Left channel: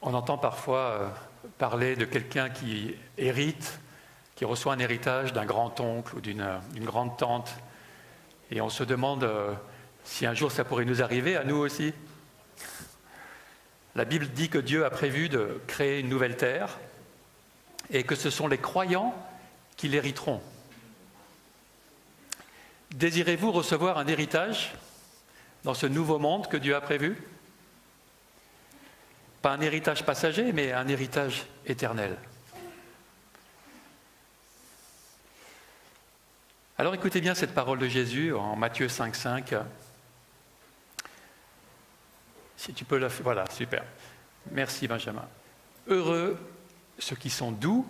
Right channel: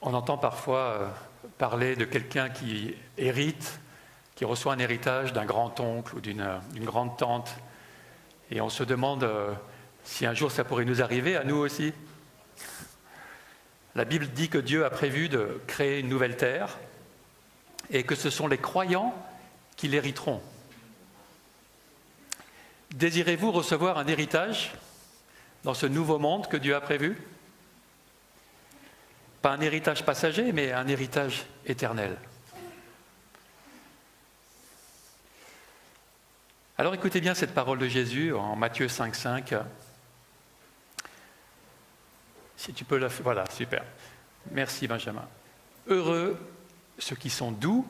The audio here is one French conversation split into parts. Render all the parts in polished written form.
On entend parfois parler de quelqu'un qui hérite, qui reçoit un héritage d'un grand-oncle ou d'une grande-tante. Et on se demande si un jour ça pourrait nous arriver, à nous aussi. La Bible dit que Dieu a prévu de créer une nouvelle terre et que ce sont les croyants qui l'hériteront. Désirez-vous recevoir un héritage dans ce nouveau monde que Dieu a prévu ? Pas un héritage passager, mais un héritage éternel. Alors écoutez bien cette parole de Jésus en Matthieu 5,5. Si tu peux la... Voilà, super. Merci Benjamin. Heureux ceux qui sont doux,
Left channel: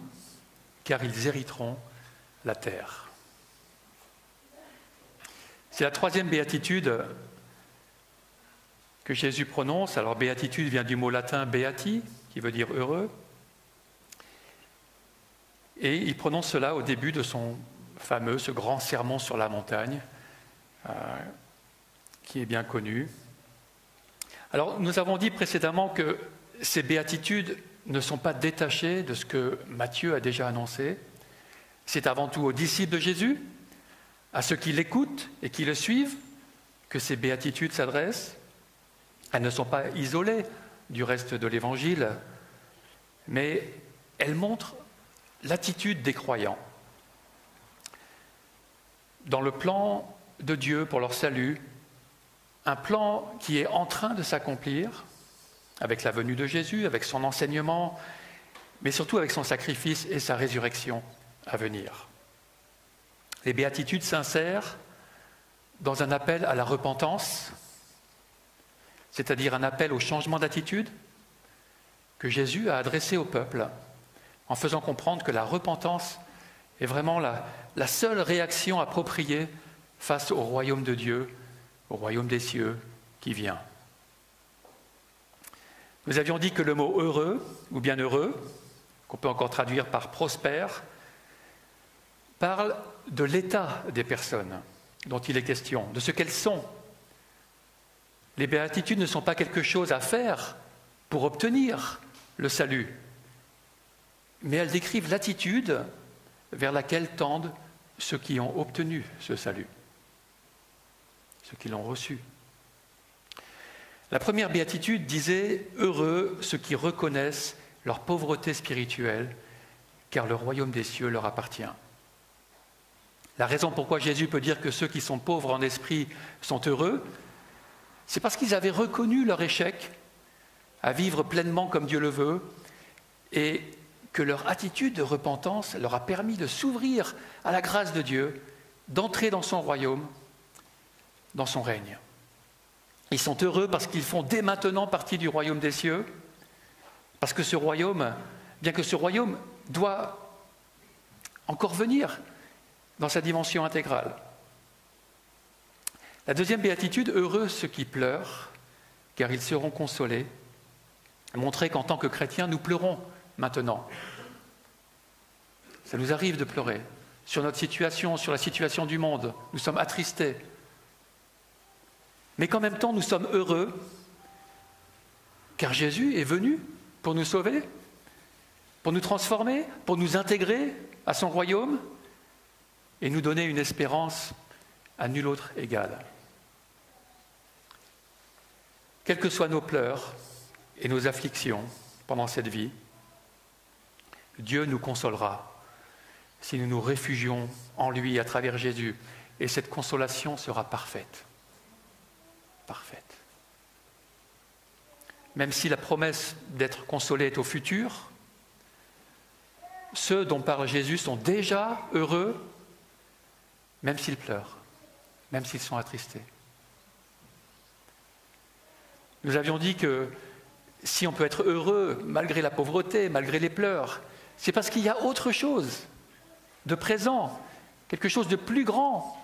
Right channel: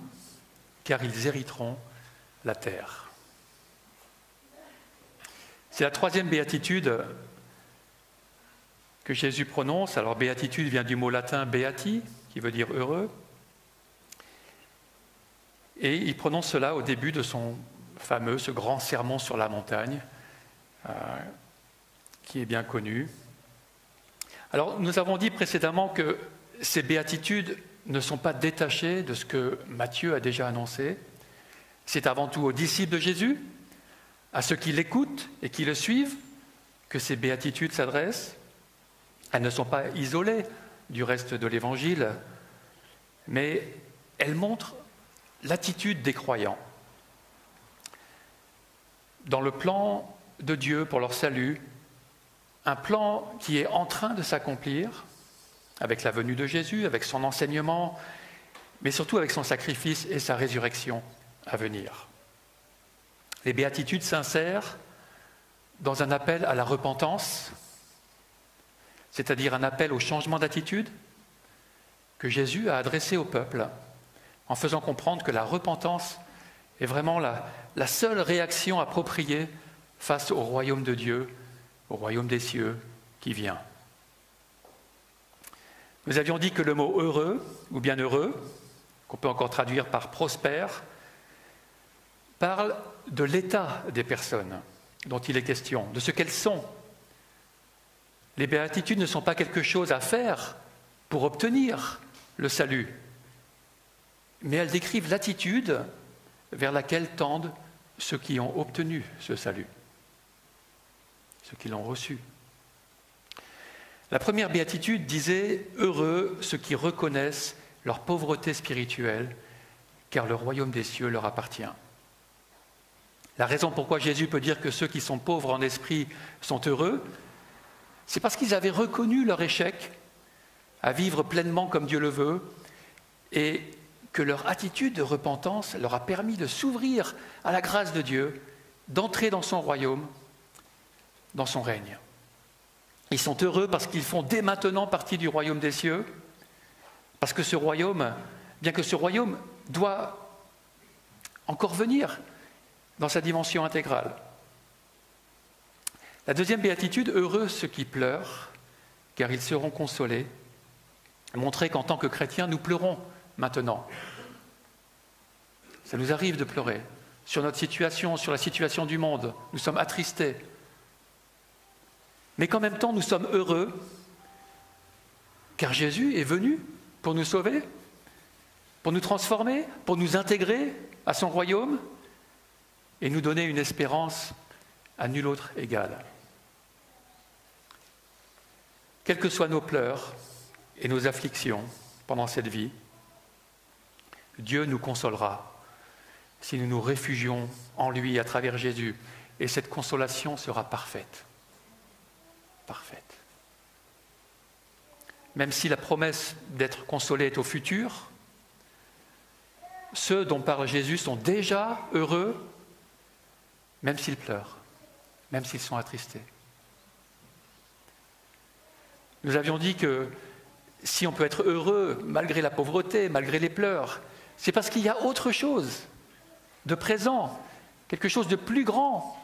car ils hériteront la terre. C'est la troisième béatitude que Jésus prononce. Alors béatitude vient du mot latin beati, qui veut dire heureux. Et il prononce cela au début de ce grand sermon sur la montagne, qui est bien connu. Alors nous avons dit précédemment que ces béatitudes ne sont pas détachées de ce que Matthieu a déjà annoncé. C'est avant tout aux disciples de Jésus, à ceux qui l'écoutent et qui le suivent, que ces béatitudes s'adressent. Elles ne sont pas isolées du reste de l'Évangile, mais elles montrent l'attitude des croyants. Dans le plan de Dieu pour leur salut, un plan qui est en train de s'accomplir avec la venue de Jésus, avec son enseignement, mais surtout avec son sacrifice et sa résurrection à venir. Les béatitudes s'insèrent dans un appel à la repentance, c'est-à-dire un appel au changement d'attitude que Jésus a adressé au peuple, en faisant comprendre que la repentance est vraiment la seule réaction appropriée face au royaume de Dieu, au royaume des cieux qui vient. Nous avions dit que le mot heureux, ou bien heureux, qu'on peut encore traduire par prospère, parle de l'état des personnes dont il est question, de ce qu'elles sont. Les béatitudes ne sont pas quelque chose à faire pour obtenir le salut, mais elles décrivent l'attitude vers laquelle tendent ceux qui ont obtenu ce salut, ceux qui l'ont reçu. La première béatitude disait « Heureux ceux qui reconnaissent leur pauvreté spirituelle, car le royaume des cieux leur appartient. » La raison pourquoi Jésus peut dire que ceux qui sont pauvres en esprit sont heureux, c'est parce qu'ils avaient reconnu leur échec à vivre pleinement comme Dieu le veut et que leur attitude de repentance leur a permis de s'ouvrir à la grâce de Dieu, d'entrer dans son royaume, dans son règne. Ils sont heureux parce qu'ils font dès maintenant partie du royaume des cieux, parce que ce royaume, bien que ce royaume doit encore venir dans sa dimension intégrale. La deuxième béatitude, heureux ceux qui pleurent, car ils seront consolés, montrer qu'en tant que chrétiens, nous pleurons maintenant. Ça nous arrive de pleurer sur notre situation, sur la situation du monde. Nous sommes attristés. Mais qu'en même temps, nous sommes heureux, car Jésus est venu pour nous sauver, pour nous transformer, pour nous intégrer à son royaume et nous donner une espérance à nul autre égale. Quels que soient nos pleurs et nos afflictions pendant cette vie, Dieu nous consolera si nous nous réfugions en lui à travers Jésus, et cette consolation sera parfaite. Parfaite. Même si la promesse d'être consolé est au futur, ceux dont parle Jésus sont déjà heureux, même s'ils pleurent, même s'ils sont attristés. Nous avions dit que si on peut être heureux malgré la pauvreté, malgré les pleurs, c'est parce qu'il y a autre chose de présent, quelque chose de plus grand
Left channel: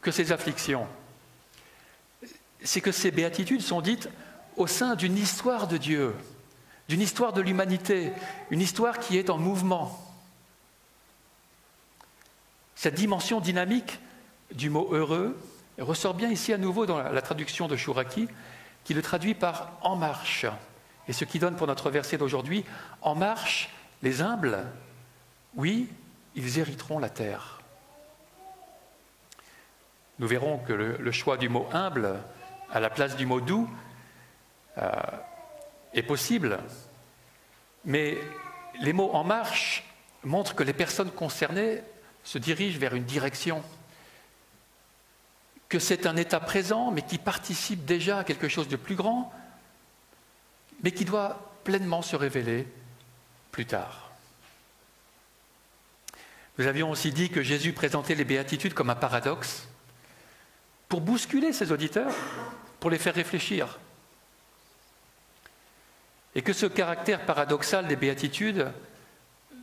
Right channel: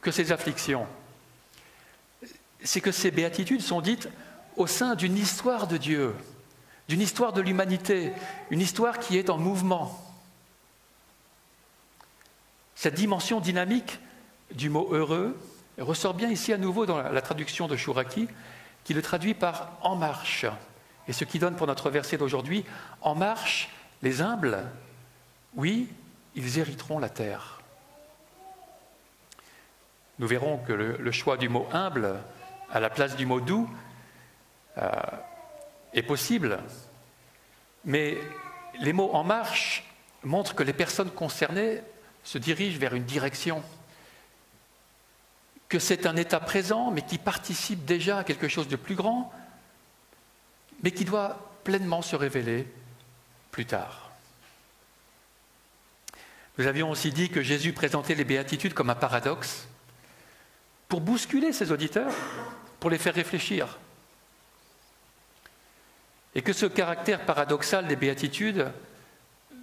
que ces afflictions. C'est que ces béatitudes sont dites au sein d'une histoire de Dieu, d'une histoire de l'humanité, une histoire qui est en mouvement. Cette dimension dynamique du mot « heureux » ressort bien ici à nouveau dans la traduction de Chouraki, qui le traduit par « en marche ». Et ce qui donne pour notre verset d'aujourd'hui, en marche, les humbles, oui, ils hériteront la terre. Nous verrons que le choix du mot humble à la place du mot doux est possible, mais les mots en marche montrent que les personnes concernées se dirigent vers une direction, que c'est un état présent, mais qui participe déjà à quelque chose de plus grand, mais qui doit pleinement se révéler plus tard. Nous avions aussi dit que Jésus présentait les béatitudes comme un paradoxe pour bousculer ses auditeurs, pour les faire réfléchir. Et que ce caractère paradoxal des béatitudes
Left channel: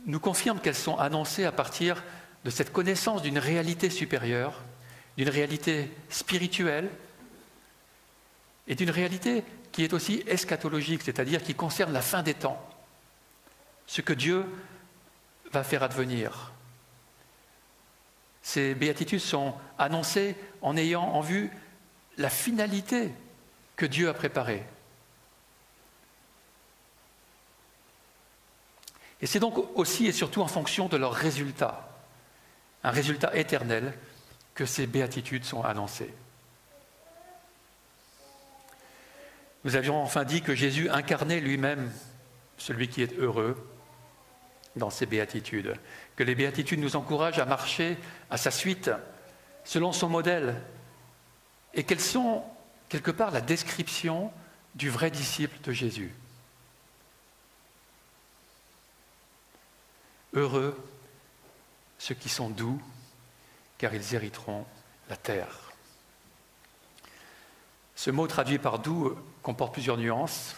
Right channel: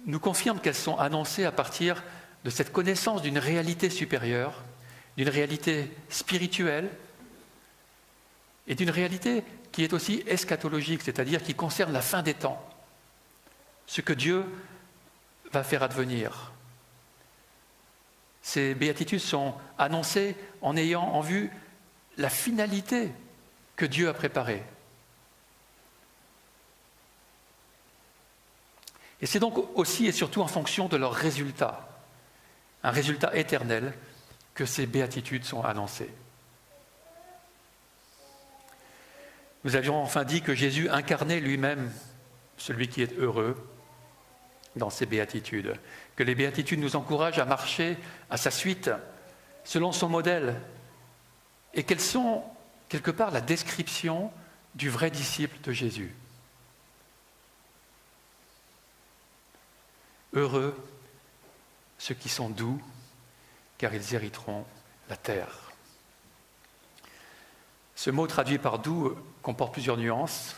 nous confirme qu'elles sont annoncées à partir de cette connaissance d'une réalité supérieure, d'une réalité spirituelle et d'une réalité qui est aussi eschatologique, c'est-à-dire qui concerne la fin des temps, ce que Dieu va faire advenir. Ces béatitudes sont annoncées en ayant en vue la finalité que Dieu a préparée. Et c'est donc aussi et surtout en fonction de leur résultat, un résultat éternel, que ces béatitudes sont annoncées. Nous avions enfin dit que Jésus incarnait lui-même celui qui est heureux dans ces béatitudes, que les béatitudes nous encouragent à marcher à sa suite, selon son modèle, et qu'elles sont quelque part la description du vrai disciple de Jésus. Heureux ceux qui sont doux, car ils hériteront la terre. Ce mot traduit par doux comporte plusieurs nuances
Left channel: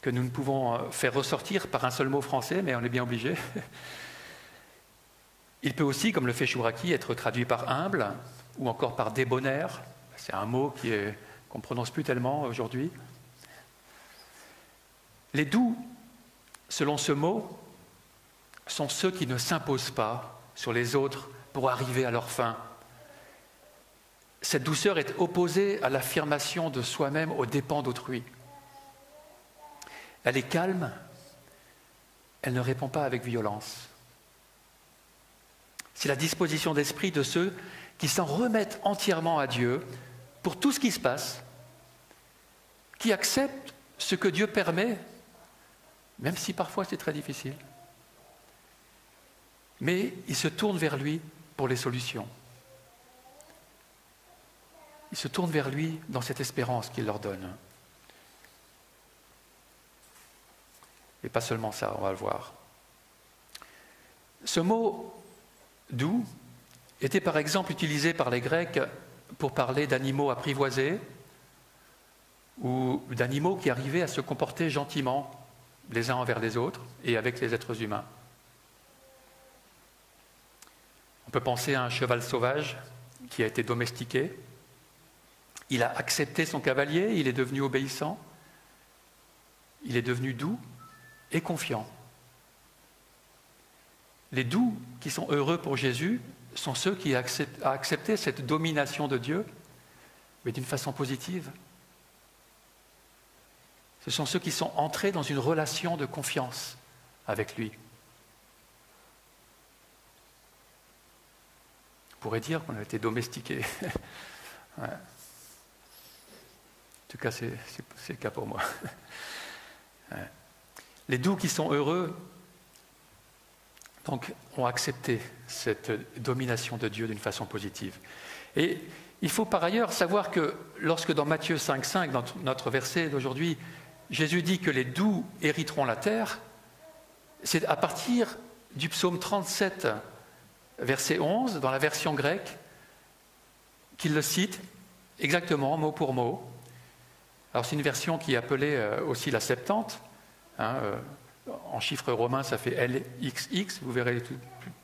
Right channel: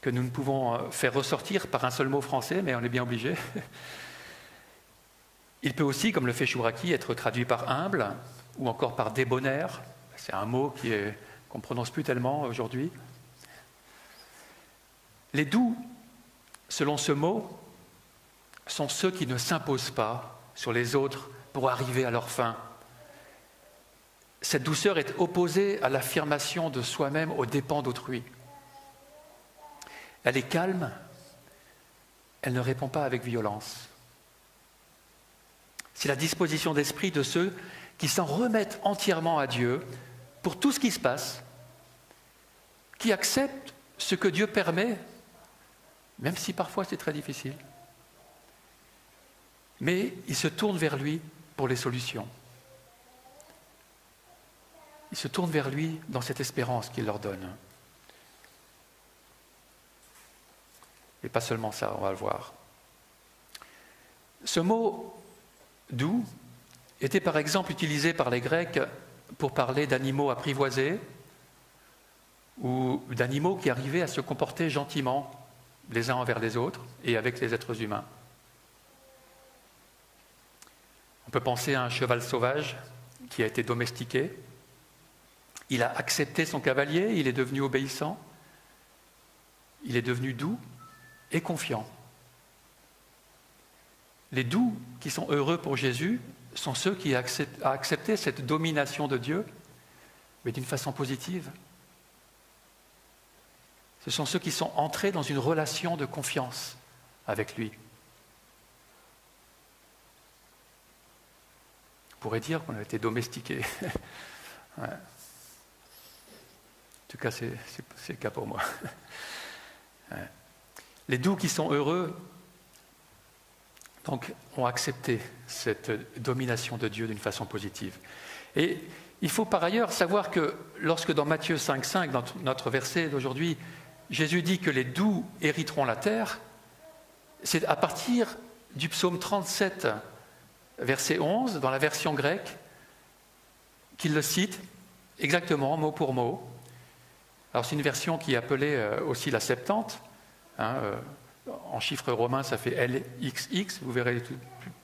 que nous ne pouvons faire ressortir par un seul mot français, mais on est bien obligé. Il peut aussi, comme le fait Chouraki, être traduit par humble ou encore par débonnaire. C'est un mot qu'on ne prononce plus tellement aujourd'hui. Les doux, selon ce mot, sont ceux qui ne s'imposent pas sur les autres pour arriver à leur fin. Cette douceur est opposée à l'affirmation de soi-même aux dépens d'autrui. Elle est calme, elle ne répond pas avec violence. C'est la disposition d'esprit de ceux qui s'en remettent entièrement à Dieu pour tout ce qui se passe, qui acceptent ce que Dieu permet, même si parfois c'est très difficile. Mais ils se tournent vers lui pour les solutions. Ils se tournent vers lui dans cette espérance qu'il leur donne. Mais pas seulement ça, on va le voir. Ce mot « doux » était par exemple utilisé par les Grecs pour parler d'animaux apprivoisés ou d'animaux qui arrivaient à se comporter gentiment les uns envers les autres et avec les êtres humains. On peut penser à un cheval sauvage qui a été domestiqué. Il a accepté son cavalier, il est devenu obéissant, il est devenu doux et confiant. Les doux qui sont heureux pour Jésus sont ceux qui ont accepté cette domination de Dieu, mais d'une façon positive. Ce sont ceux qui sont entrés dans une relation de confiance avec lui. On pourrait dire qu'on a été domestiqué. Ouais. En tout cas, c'est le cas pour moi. Ouais. Les doux qui sont heureux donc, ont accepté cette domination de Dieu d'une façon positive. Et il faut par ailleurs savoir que lorsque dans Matthieu 5,5, dans notre verset d'aujourd'hui, Jésus dit que les doux hériteront la terre, c'est à partir du psaume 37, verset 11, dans la version grecque, qu'il le cite exactement, mot pour mot. Alors c'est une version qui est appelée aussi la Septante. En chiffres romains, ça fait LXX. Vous verrez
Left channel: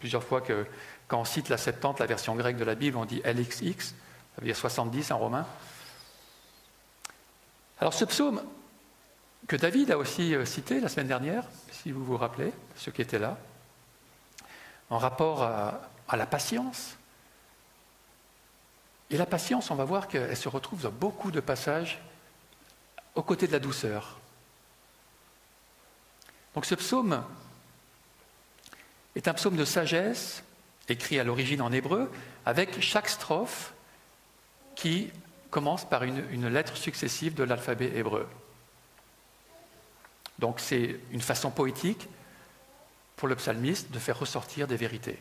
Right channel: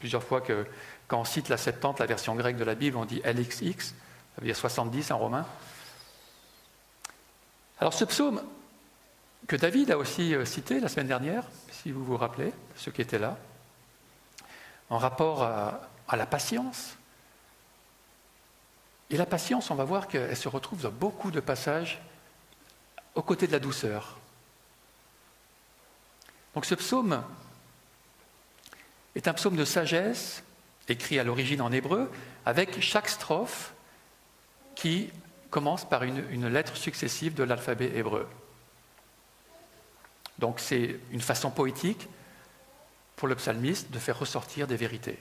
plusieurs fois que quand on cite la Septante, la version grecque de la Bible, on dit LXX. Ça veut dire 70 en romain. Alors ce psaume que David a aussi cité la semaine dernière, si vous vous rappelez, ceux qui étaient là, en rapport à la patience. Et la patience, on va voir qu'elle se retrouve dans beaucoup de passages aux côtés de la douceur. Donc ce psaume est un psaume de sagesse, écrit à l'origine en hébreu, avec chaque strophe qui commence par une lettre successive de l'alphabet hébreu. Donc c'est une façon poétique pour le psalmiste de faire ressortir des vérités.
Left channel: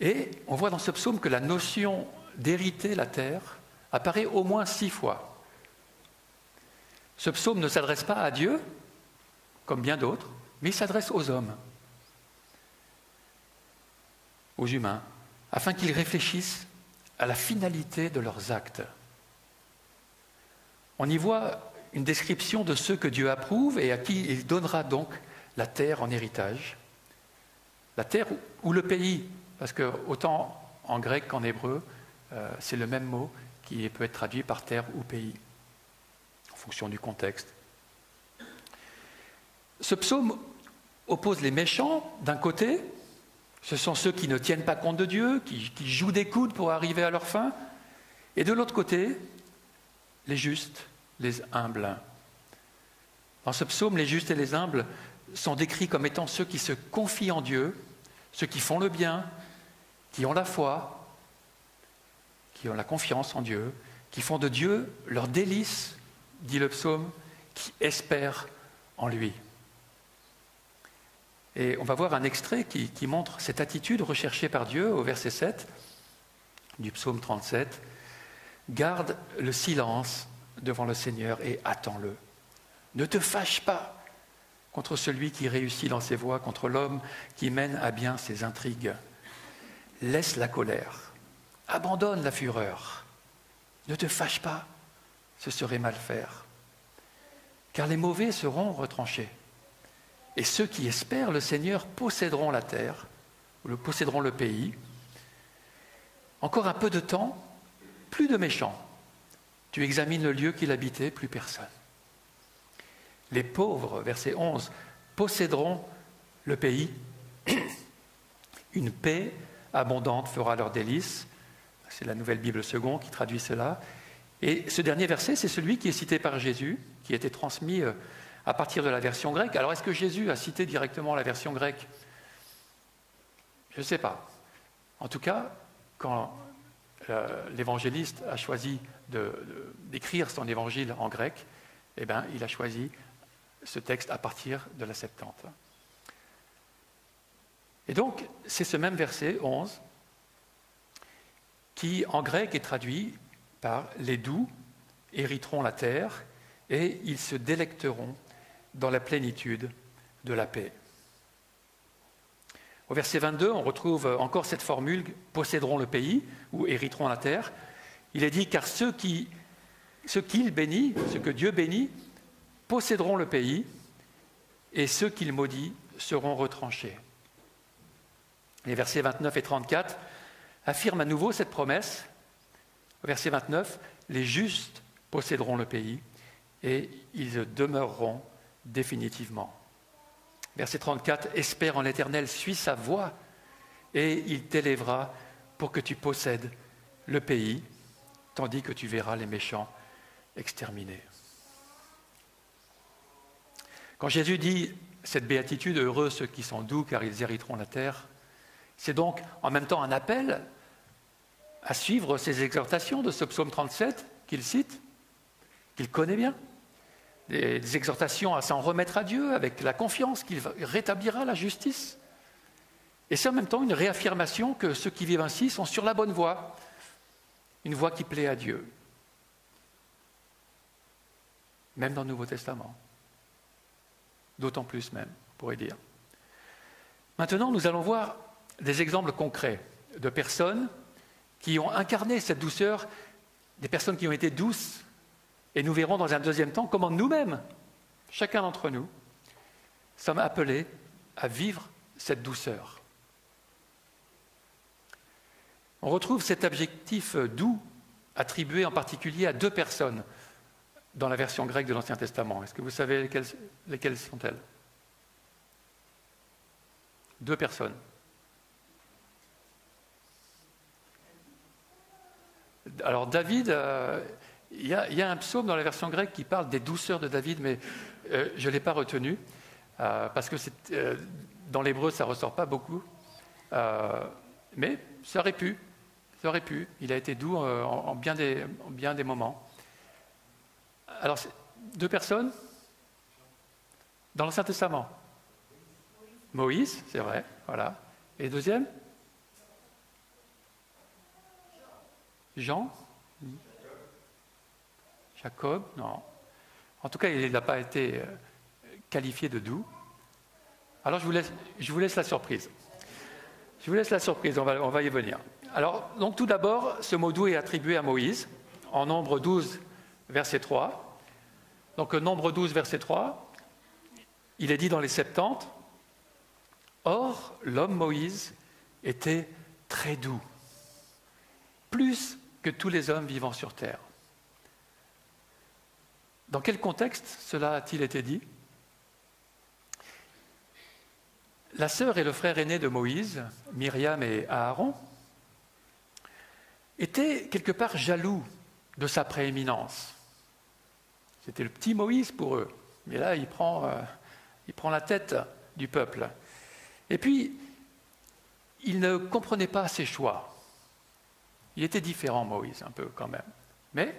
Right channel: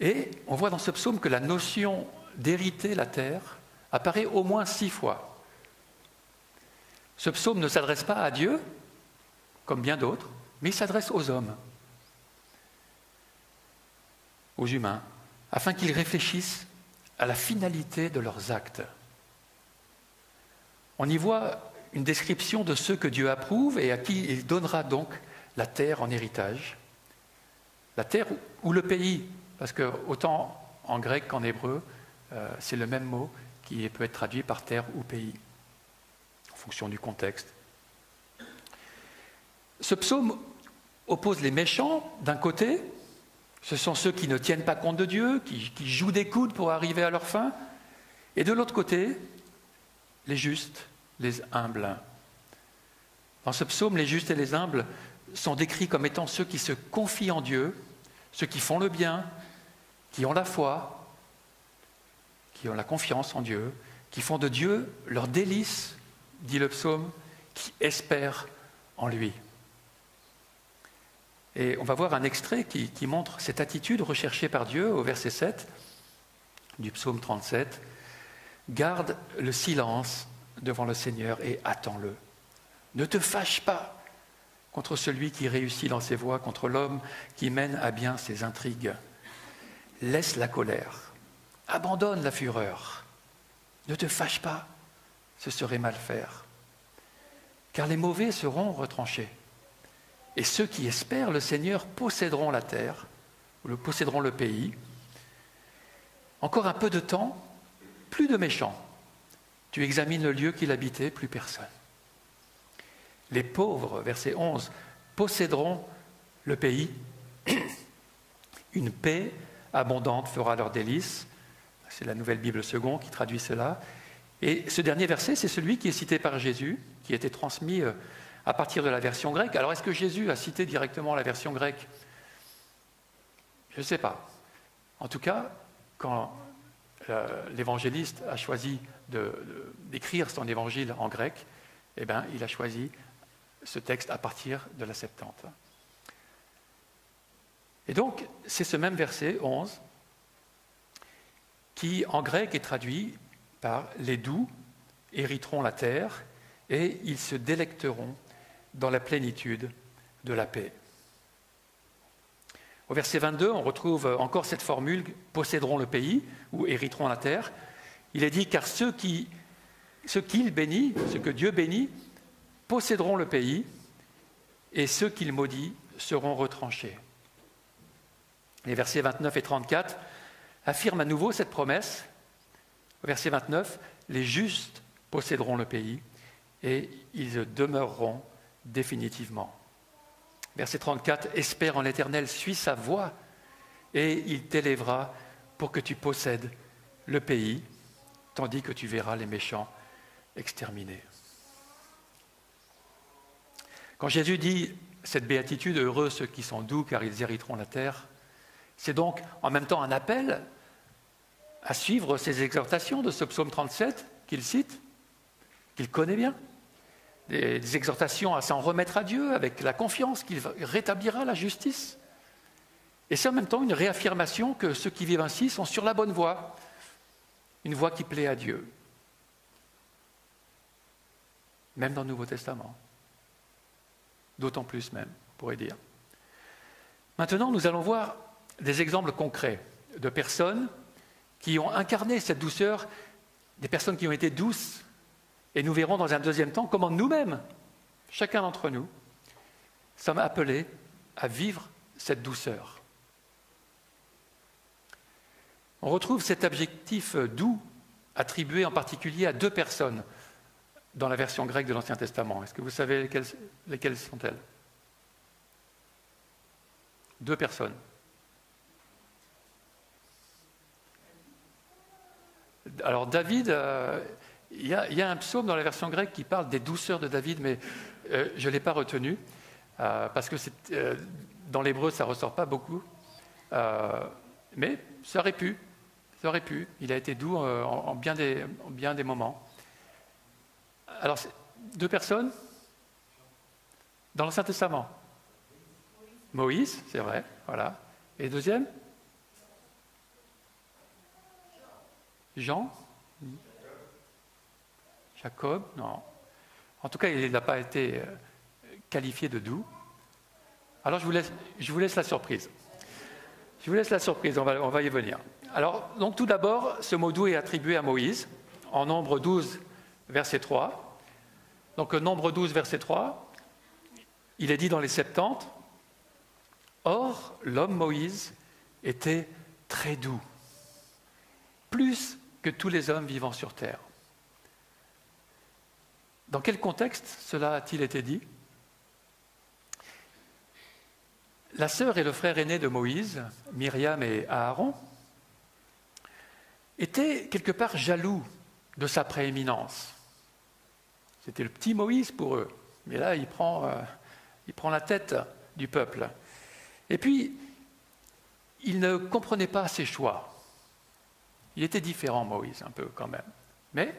Et on voit dans ce psaume que la notion d'hériter la terre apparaît au moins 6 fois. Ce psaume ne s'adresse pas à Dieu, comme bien d'autres, mais il s'adresse aux hommes, aux humains, afin qu'ils réfléchissent à la finalité de leurs actes. On y voit une description de ceux que Dieu approuve et à qui il donnera donc la terre en héritage. La terre ou le pays, parce que autant en grec qu'en hébreu, c'est le même mot qui peut être traduit par terre ou pays, en fonction du contexte. Ce psaume oppose les méchants d'un côté, ce sont ceux qui ne tiennent pas compte de Dieu, qui jouent des coudes pour arriver à leur fin, et de l'autre côté, les justes, les humbles. Dans ce psaume, les justes et les humbles sont décrits comme étant ceux qui se confient en Dieu, ceux qui font le bien, qui ont la foi, qui ont la confiance en Dieu, qui font de Dieu leur délice, dit le psaume, qui espèrent en lui. Et on va voir un extrait qui montre cette attitude recherchée par Dieu au verset 7 du psaume 37. « Garde le silence devant le Seigneur et attends-le. Ne te fâche pas contre celui qui réussit dans ses voies, contre l'homme qui mène à bien ses intrigues. Laisse la colère, abandonne la fureur. Ne te fâche pas, ce serait mal faire. Car les mauvais seront retranchés. Et ceux qui espèrent le Seigneur posséderont la terre, posséderont le pays. Encore un peu de temps, plus de méchants. Tu examines le lieu qu'il habitait, plus personne. Les pauvres, verset 11, posséderont le pays. Une paix abondante fera leur délice. C'est la Nouvelle Bible Second qui traduit cela. Et ce dernier verset, c'est celui qui est cité par Jésus, qui a été transmis à partir de la version grecque. Alors, est-ce que Jésus a cité directement la version grecque ? Je ne sais pas. En tout cas, quand l'évangéliste a choisi d'écrire son évangile en grec, eh bien, il a choisi ce texte à partir de la Septante. Et donc, c'est ce même verset 11 qui, en grec, est traduit par « les doux hériteront la terre et ils se délecteront dans la plénitude de la paix ». Au verset 22, on retrouve encore cette formule « posséderont le pays » ou « hériteront la terre ». Il est dit « car ceux qu'il bénit, ceux que Dieu bénit, posséderont le pays, et ceux qu'il maudit seront retranchés. » Les versets 29 et 34 affirment à nouveau cette promesse. Au verset 29, « Les justes posséderont le pays, et ils demeureront définitivement. » Verset 34, « Espère en l'Éternel, suis sa voie, et il t'élèvera pour que tu possèdes le pays, tandis que tu verras les méchants exterminés. » Quand Jésus dit cette béatitude, « Heureux ceux qui sont doux, car ils hériteront la terre », c'est donc en même temps un appel à suivre ces exhortations de ce psaume 37 qu'il cite, qu'il connaît bien. Des exhortations à s'en remettre à Dieu avec la confiance qu'il rétablira la justice. Et c'est en même temps une réaffirmation que ceux qui vivent ainsi sont sur la bonne voie, une voie qui plaît à Dieu. Même dans le Nouveau Testament. D'autant plus même, on pourrait dire. Maintenant, nous allons voir des exemples concrets de personnes qui ont incarné cette douceur, des personnes qui ont été douces. Et nous verrons dans un deuxième temps comment nous-mêmes, chacun d'entre nous, sommes appelés à vivre cette douceur. On retrouve cet adjectif doux attribué en particulier à 2 personnes dans la version grecque de l'Ancien Testament. Est-ce que vous savez lesquelles sont-elles ? 2 personnes. Alors David, il y a un psaume dans la version grecque qui parle des douceurs de David, mais je ne l'ai pas retenu, parce que dans l'hébreu, ça ne ressort pas beaucoup. Mais ça aurait pu. Il a été doux en bien des moments. Alors, 2 personnes dans l'Ancien Testament. Moïse, c'est vrai, voilà. Et le deuxième? Jean? Jacob? Non. En tout cas, il n'a pas été qualifié de doux. Alors, je vous laisse la surprise. On va y venir. Alors, donc tout d'abord, ce mot doux est attribué à Moïse, en Nombre 12, verset 3. Donc, Nombre 12, verset 3, il est dit dans les Septante, « Or, l'homme Moïse était très doux, plus que tous les hommes vivant sur terre. » Dans quel contexte cela a-t-il été dit? La sœur et le frère aîné de Moïse, Myriam et Aaron, étaient quelque part jaloux de sa prééminence. C'était le petit Moïse pour eux. Mais là, il prend la tête du peuple. Et puis, il ne comprenait pas ses choix. Il était différent, Moïse, un peu quand même. Mais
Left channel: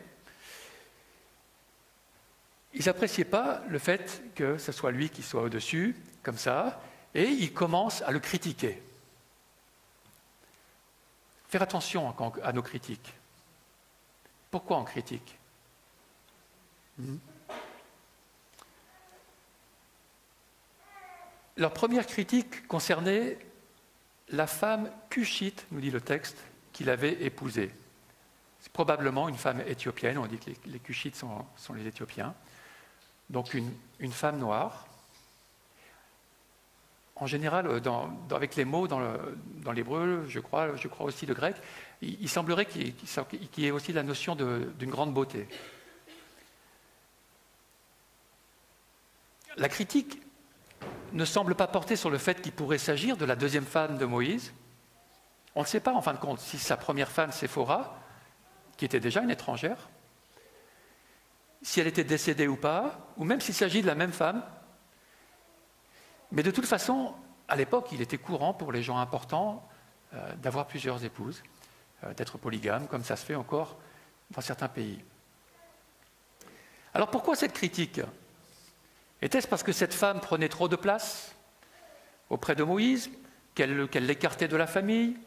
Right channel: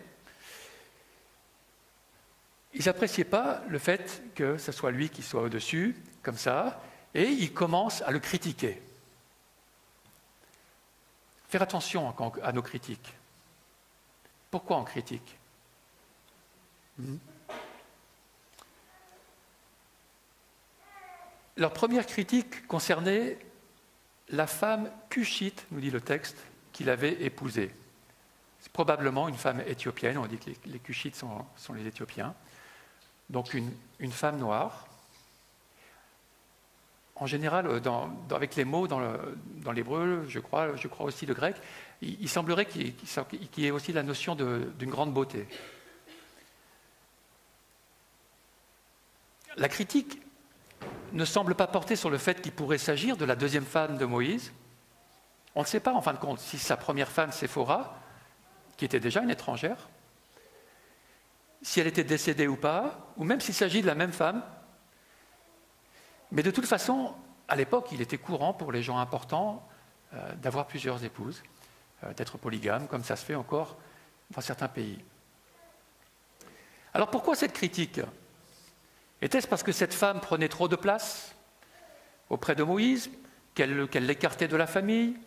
ils n'appréciaient pas le fait que ce soit lui qui soit au-dessus, comme ça, et ils commencent à le critiquer. Faire attention à nos critiques. Pourquoi on critique? Leur première critique concernait la femme Cushite, nous dit le texte, qu'il avait épousée. C'est probablement une femme éthiopienne, on dit que les Cushites sont les Éthiopiens. Donc une femme noire. En général, avec les mots dans l'hébreu, je crois aussi le grec, il semblerait qu'il y ait aussi la notion d'une grande beauté. La critique ne semble pas porter sur le fait qu'il pourrait s'agir de la deuxième femme de Moïse. On ne sait pas, en fin de compte, si sa première femme, Séphora, qui était déjà une étrangère, si elle était décédée ou pas, ou même s'il s'agit de la même femme. Mais de toute façon, à l'époque, il était courant pour les gens importants d'avoir plusieurs épouses, d'être polygame, comme ça se fait encore dans certains pays. Alors pourquoi cette critique? Était-ce parce que cette femme prenait trop de place auprès de Moïse, qu'elle l'écartait de la famille?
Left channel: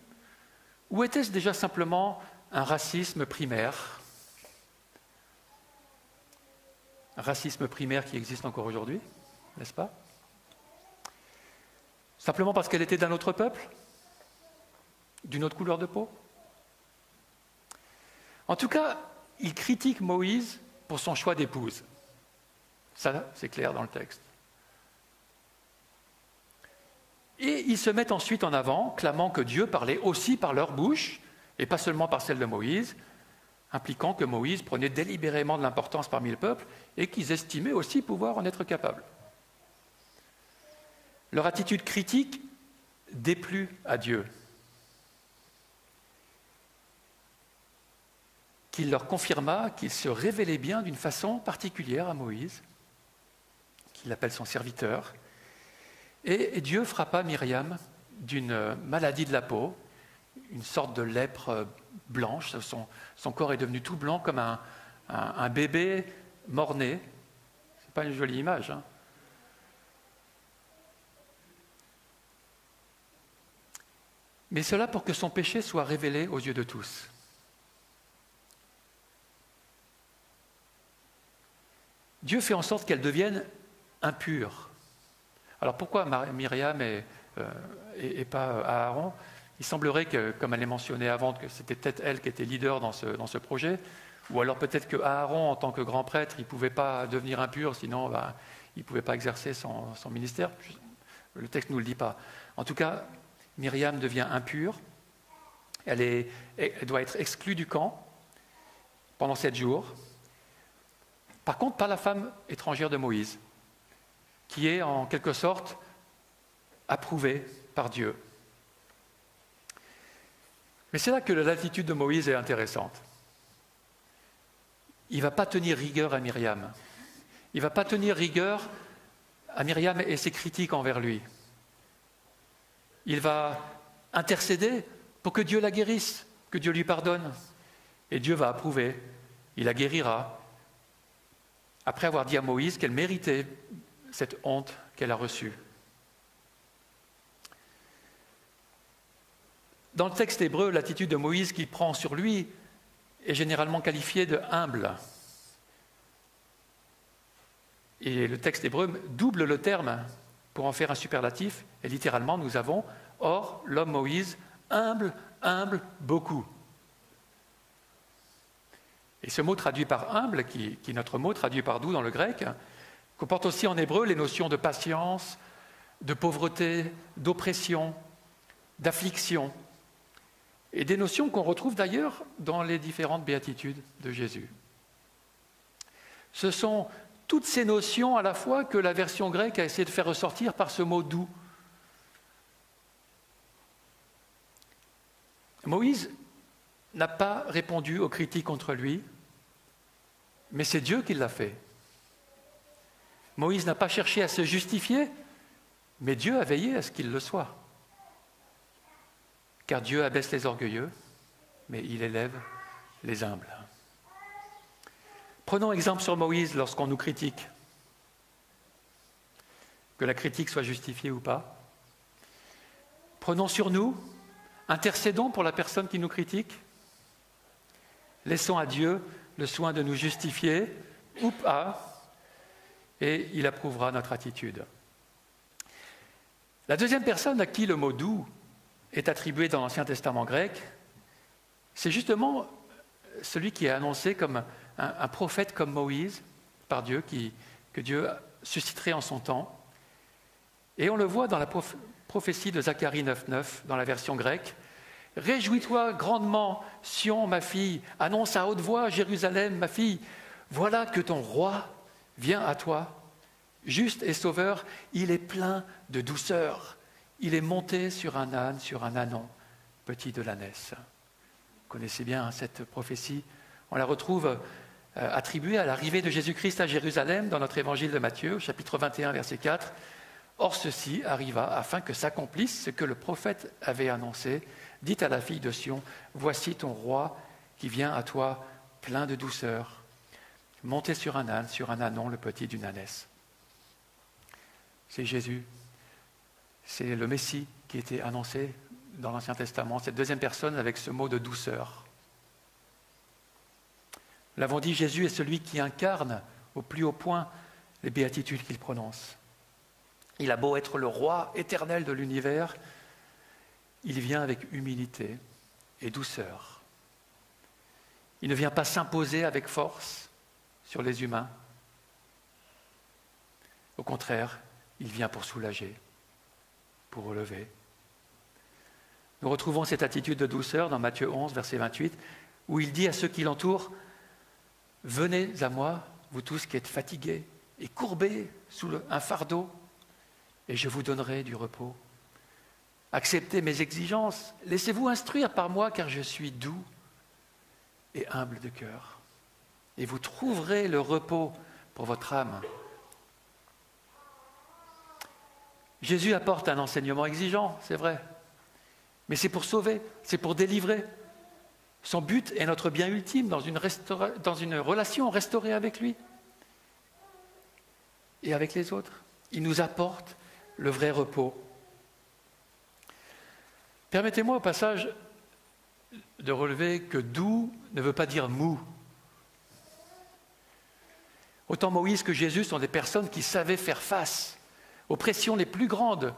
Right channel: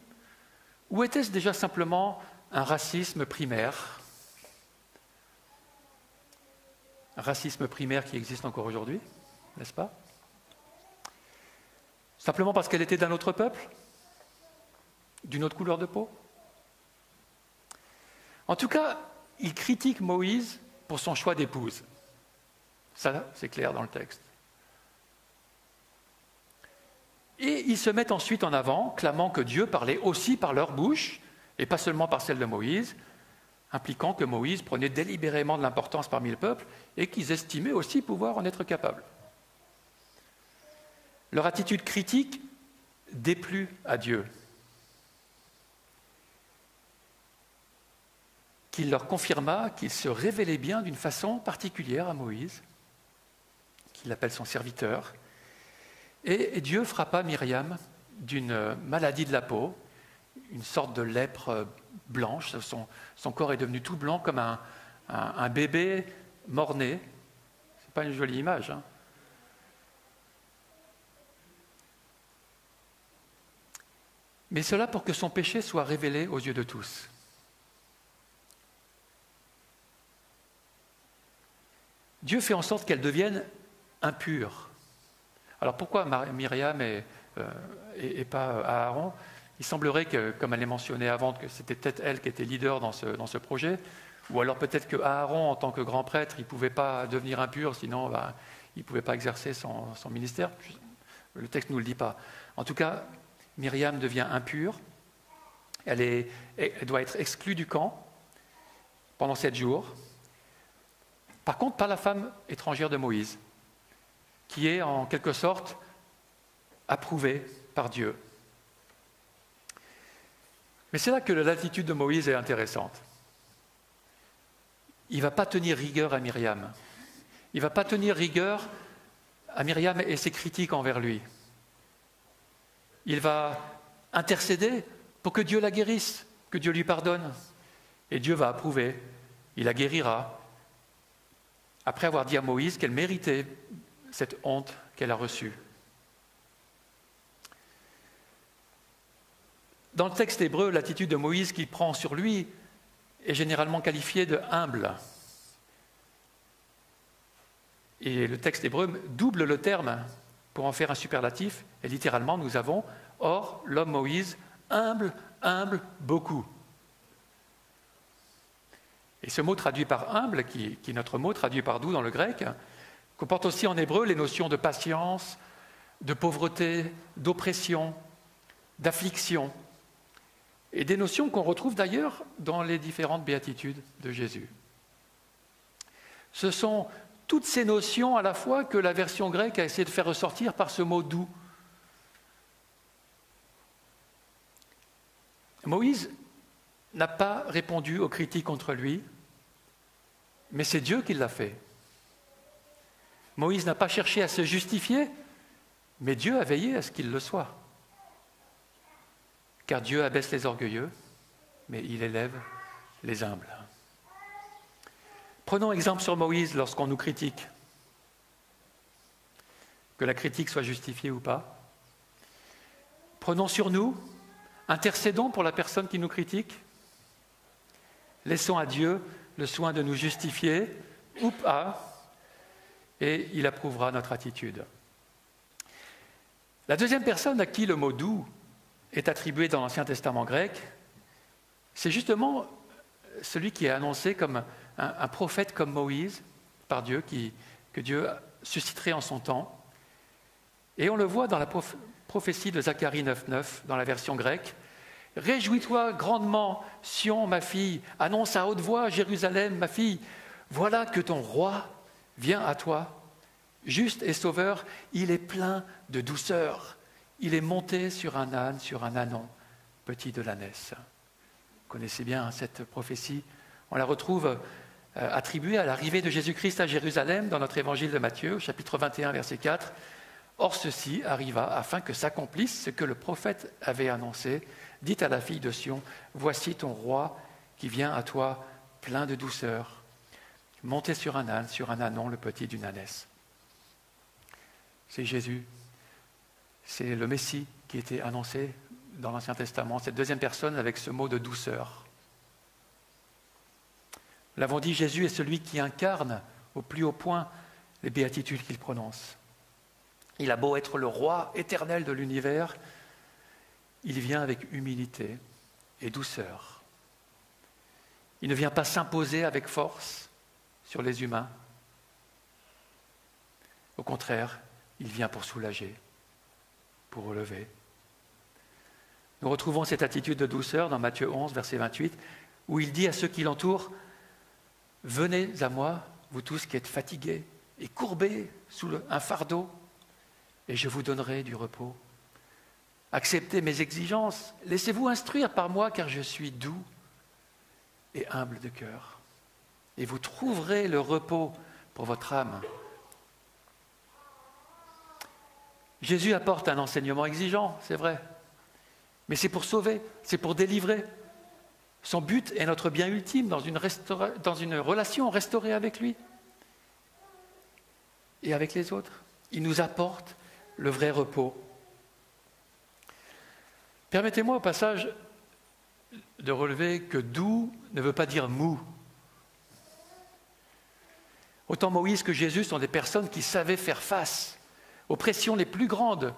Ou était-ce déjà simplement un racisme primaire? Un racisme primaire qui existe encore aujourd'hui, n'est-ce pas? Simplement parce qu'elle était d'un autre peuple? D'une autre couleur de peau? En tout cas, il critique Moïse pour son choix d'épouse. Ça, c'est clair dans le texte. Et ils se mettent ensuite en avant, clamant que Dieu parlait aussi par leur bouche, et pas seulement par celle de Moïse, impliquant que Moïse prenait délibérément de l'importance parmi le peuple, et qu'ils estimaient aussi pouvoir en être capables. Leur attitude critique déplut à Dieu, qu'il leur confirma qu'il se révélait bien d'une façon particulière à Moïse, qu'il appelle son serviteur, et Dieu frappa Myriam d'une maladie de la peau, une sorte de lèpre blanche. Son corps est devenu tout blanc comme un bébé mort-né. C'est pas une jolie image, hein. Mais cela pour que son péché soit révélé aux yeux de tous. Dieu fait en sorte qu'elle devienne impure. Alors pourquoi Myriam et pas Aaron? Il semblerait que, comme elle est mentionnée avant, que c'était peut-être elle qui était leader dans ce projet, ou alors peut-être que Aaron, en tant que grand prêtre, il ne pouvait pas devenir impur, sinon il ne pouvait pas exercer son ministère. Le texte ne nous le dit pas. En tout cas, Myriam devient impure. Elle doit être exclue du camp pendant 7 jours. Par contre, pas la femme étrangère de Moïse, qui est en quelque sorte approuvée par Dieu. Mais c'est là que l'attitude de Moïse est intéressante. Il ne va pas tenir rigueur à Myriam. Il ne va pas tenir rigueur à Myriam et ses critiques envers lui. Il va intercéder pour que Dieu la guérisse, que Dieu lui pardonne. Et Dieu va approuver, il la guérira, après avoir dit à Moïse qu'elle méritait cette honte qu'elle a reçue. Dans le texte hébreu, l'attitude de Moïse qu'il prend sur lui est généralement qualifiée de humble. Et le texte hébreu double le terme pour en faire un superlatif. Et littéralement, nous avons « Or, l'homme Moïse, humble, humble, beaucoup ». Et ce mot traduit par « humble », qui est notre mot traduit par « doux » dans le grec, comporte aussi en hébreu les notions de patience, de pauvreté, d'oppression, d'affliction, et des notions qu'on retrouve d'ailleurs dans les différentes béatitudes de Jésus. Ce sont toutes ces notions à la fois que la version grecque a essayé de faire ressortir par ce mot « doux ». Moïse n'a pas répondu aux critiques contre lui, mais c'est Dieu qui l'a fait. Moïse n'a pas cherché à se justifier, mais Dieu a veillé à ce qu'il le soit. Car Dieu abaisse les orgueilleux, mais il élève les humbles. Prenons exemple sur Moïse lorsqu'on nous critique. Que la critique soit justifiée ou pas. Prenons sur nous, intercédons pour la personne qui nous critique. Laissons à Dieu le soin de nous justifier ou pas, et il approuvera notre attitude. La deuxième personne à qui le mot « doux » est attribué dans l'Ancien Testament grec, c'est justement celui qui est annoncé comme un prophète comme Moïse par Dieu, que Dieu susciterait en son temps. Et on le voit dans la prophétie de Zacharie 9,9, dans la version grecque. « Réjouis-toi grandement, Sion, ma fille, annonce à haute voix, Jérusalem, ma fille, voilà que ton roi vient à toi, juste et sauveur, il est plein de douceur. Il est monté sur un âne, sur un ânon, petit de l'ânesse. » Vous connaissez bien cette prophétie. On la retrouve attribuée à l'arrivée de Jésus-Christ à Jérusalem dans notre évangile de Matthieu, chapitre 21, verset 4. « Or ceci arriva afin que s'accomplisse ce que le prophète avait annoncé. Dit à la fille de Sion, voici ton roi qui vient à toi plein de douceur, monté sur un âne, sur un ânon, le petit d'une ânesse. » C'est Jésus. C'est le Messie qui était annoncé dans l'Ancien Testament, cette deuxième personne avec ce mot de douceur. Nous l'avons dit, Jésus est celui qui incarne au plus haut point les béatitudes qu'il prononce. Il a beau être le roi éternel de l'univers, il vient avec humilité et douceur. Il ne vient pas s'imposer avec force sur les humains. Au contraire, il vient pour soulager, pour relever. Nous retrouvons cette attitude de douceur dans Matthieu 11, verset 28, où il dit à ceux qui l'entourent, « Venez à moi, vous tous qui êtes fatigués et courbés sous un fardeau, et je vous donnerai du repos. Acceptez mes exigences, laissez-vous instruire par moi, car je suis doux et humble de cœur, et vous trouverez le repos pour votre âme. » Jésus apporte un enseignement exigeant, c'est vrai, mais c'est pour sauver, c'est pour délivrer. Son but est notre bien ultime dans une relation restaurée avec lui et avec les autres. Il nous apporte le vrai repos. Permettez-moi au passage de relever que doux ne veut pas dire mou. Autant Moïse que Jésus sont des personnes qui savaient faire face aux pressions les plus grandes,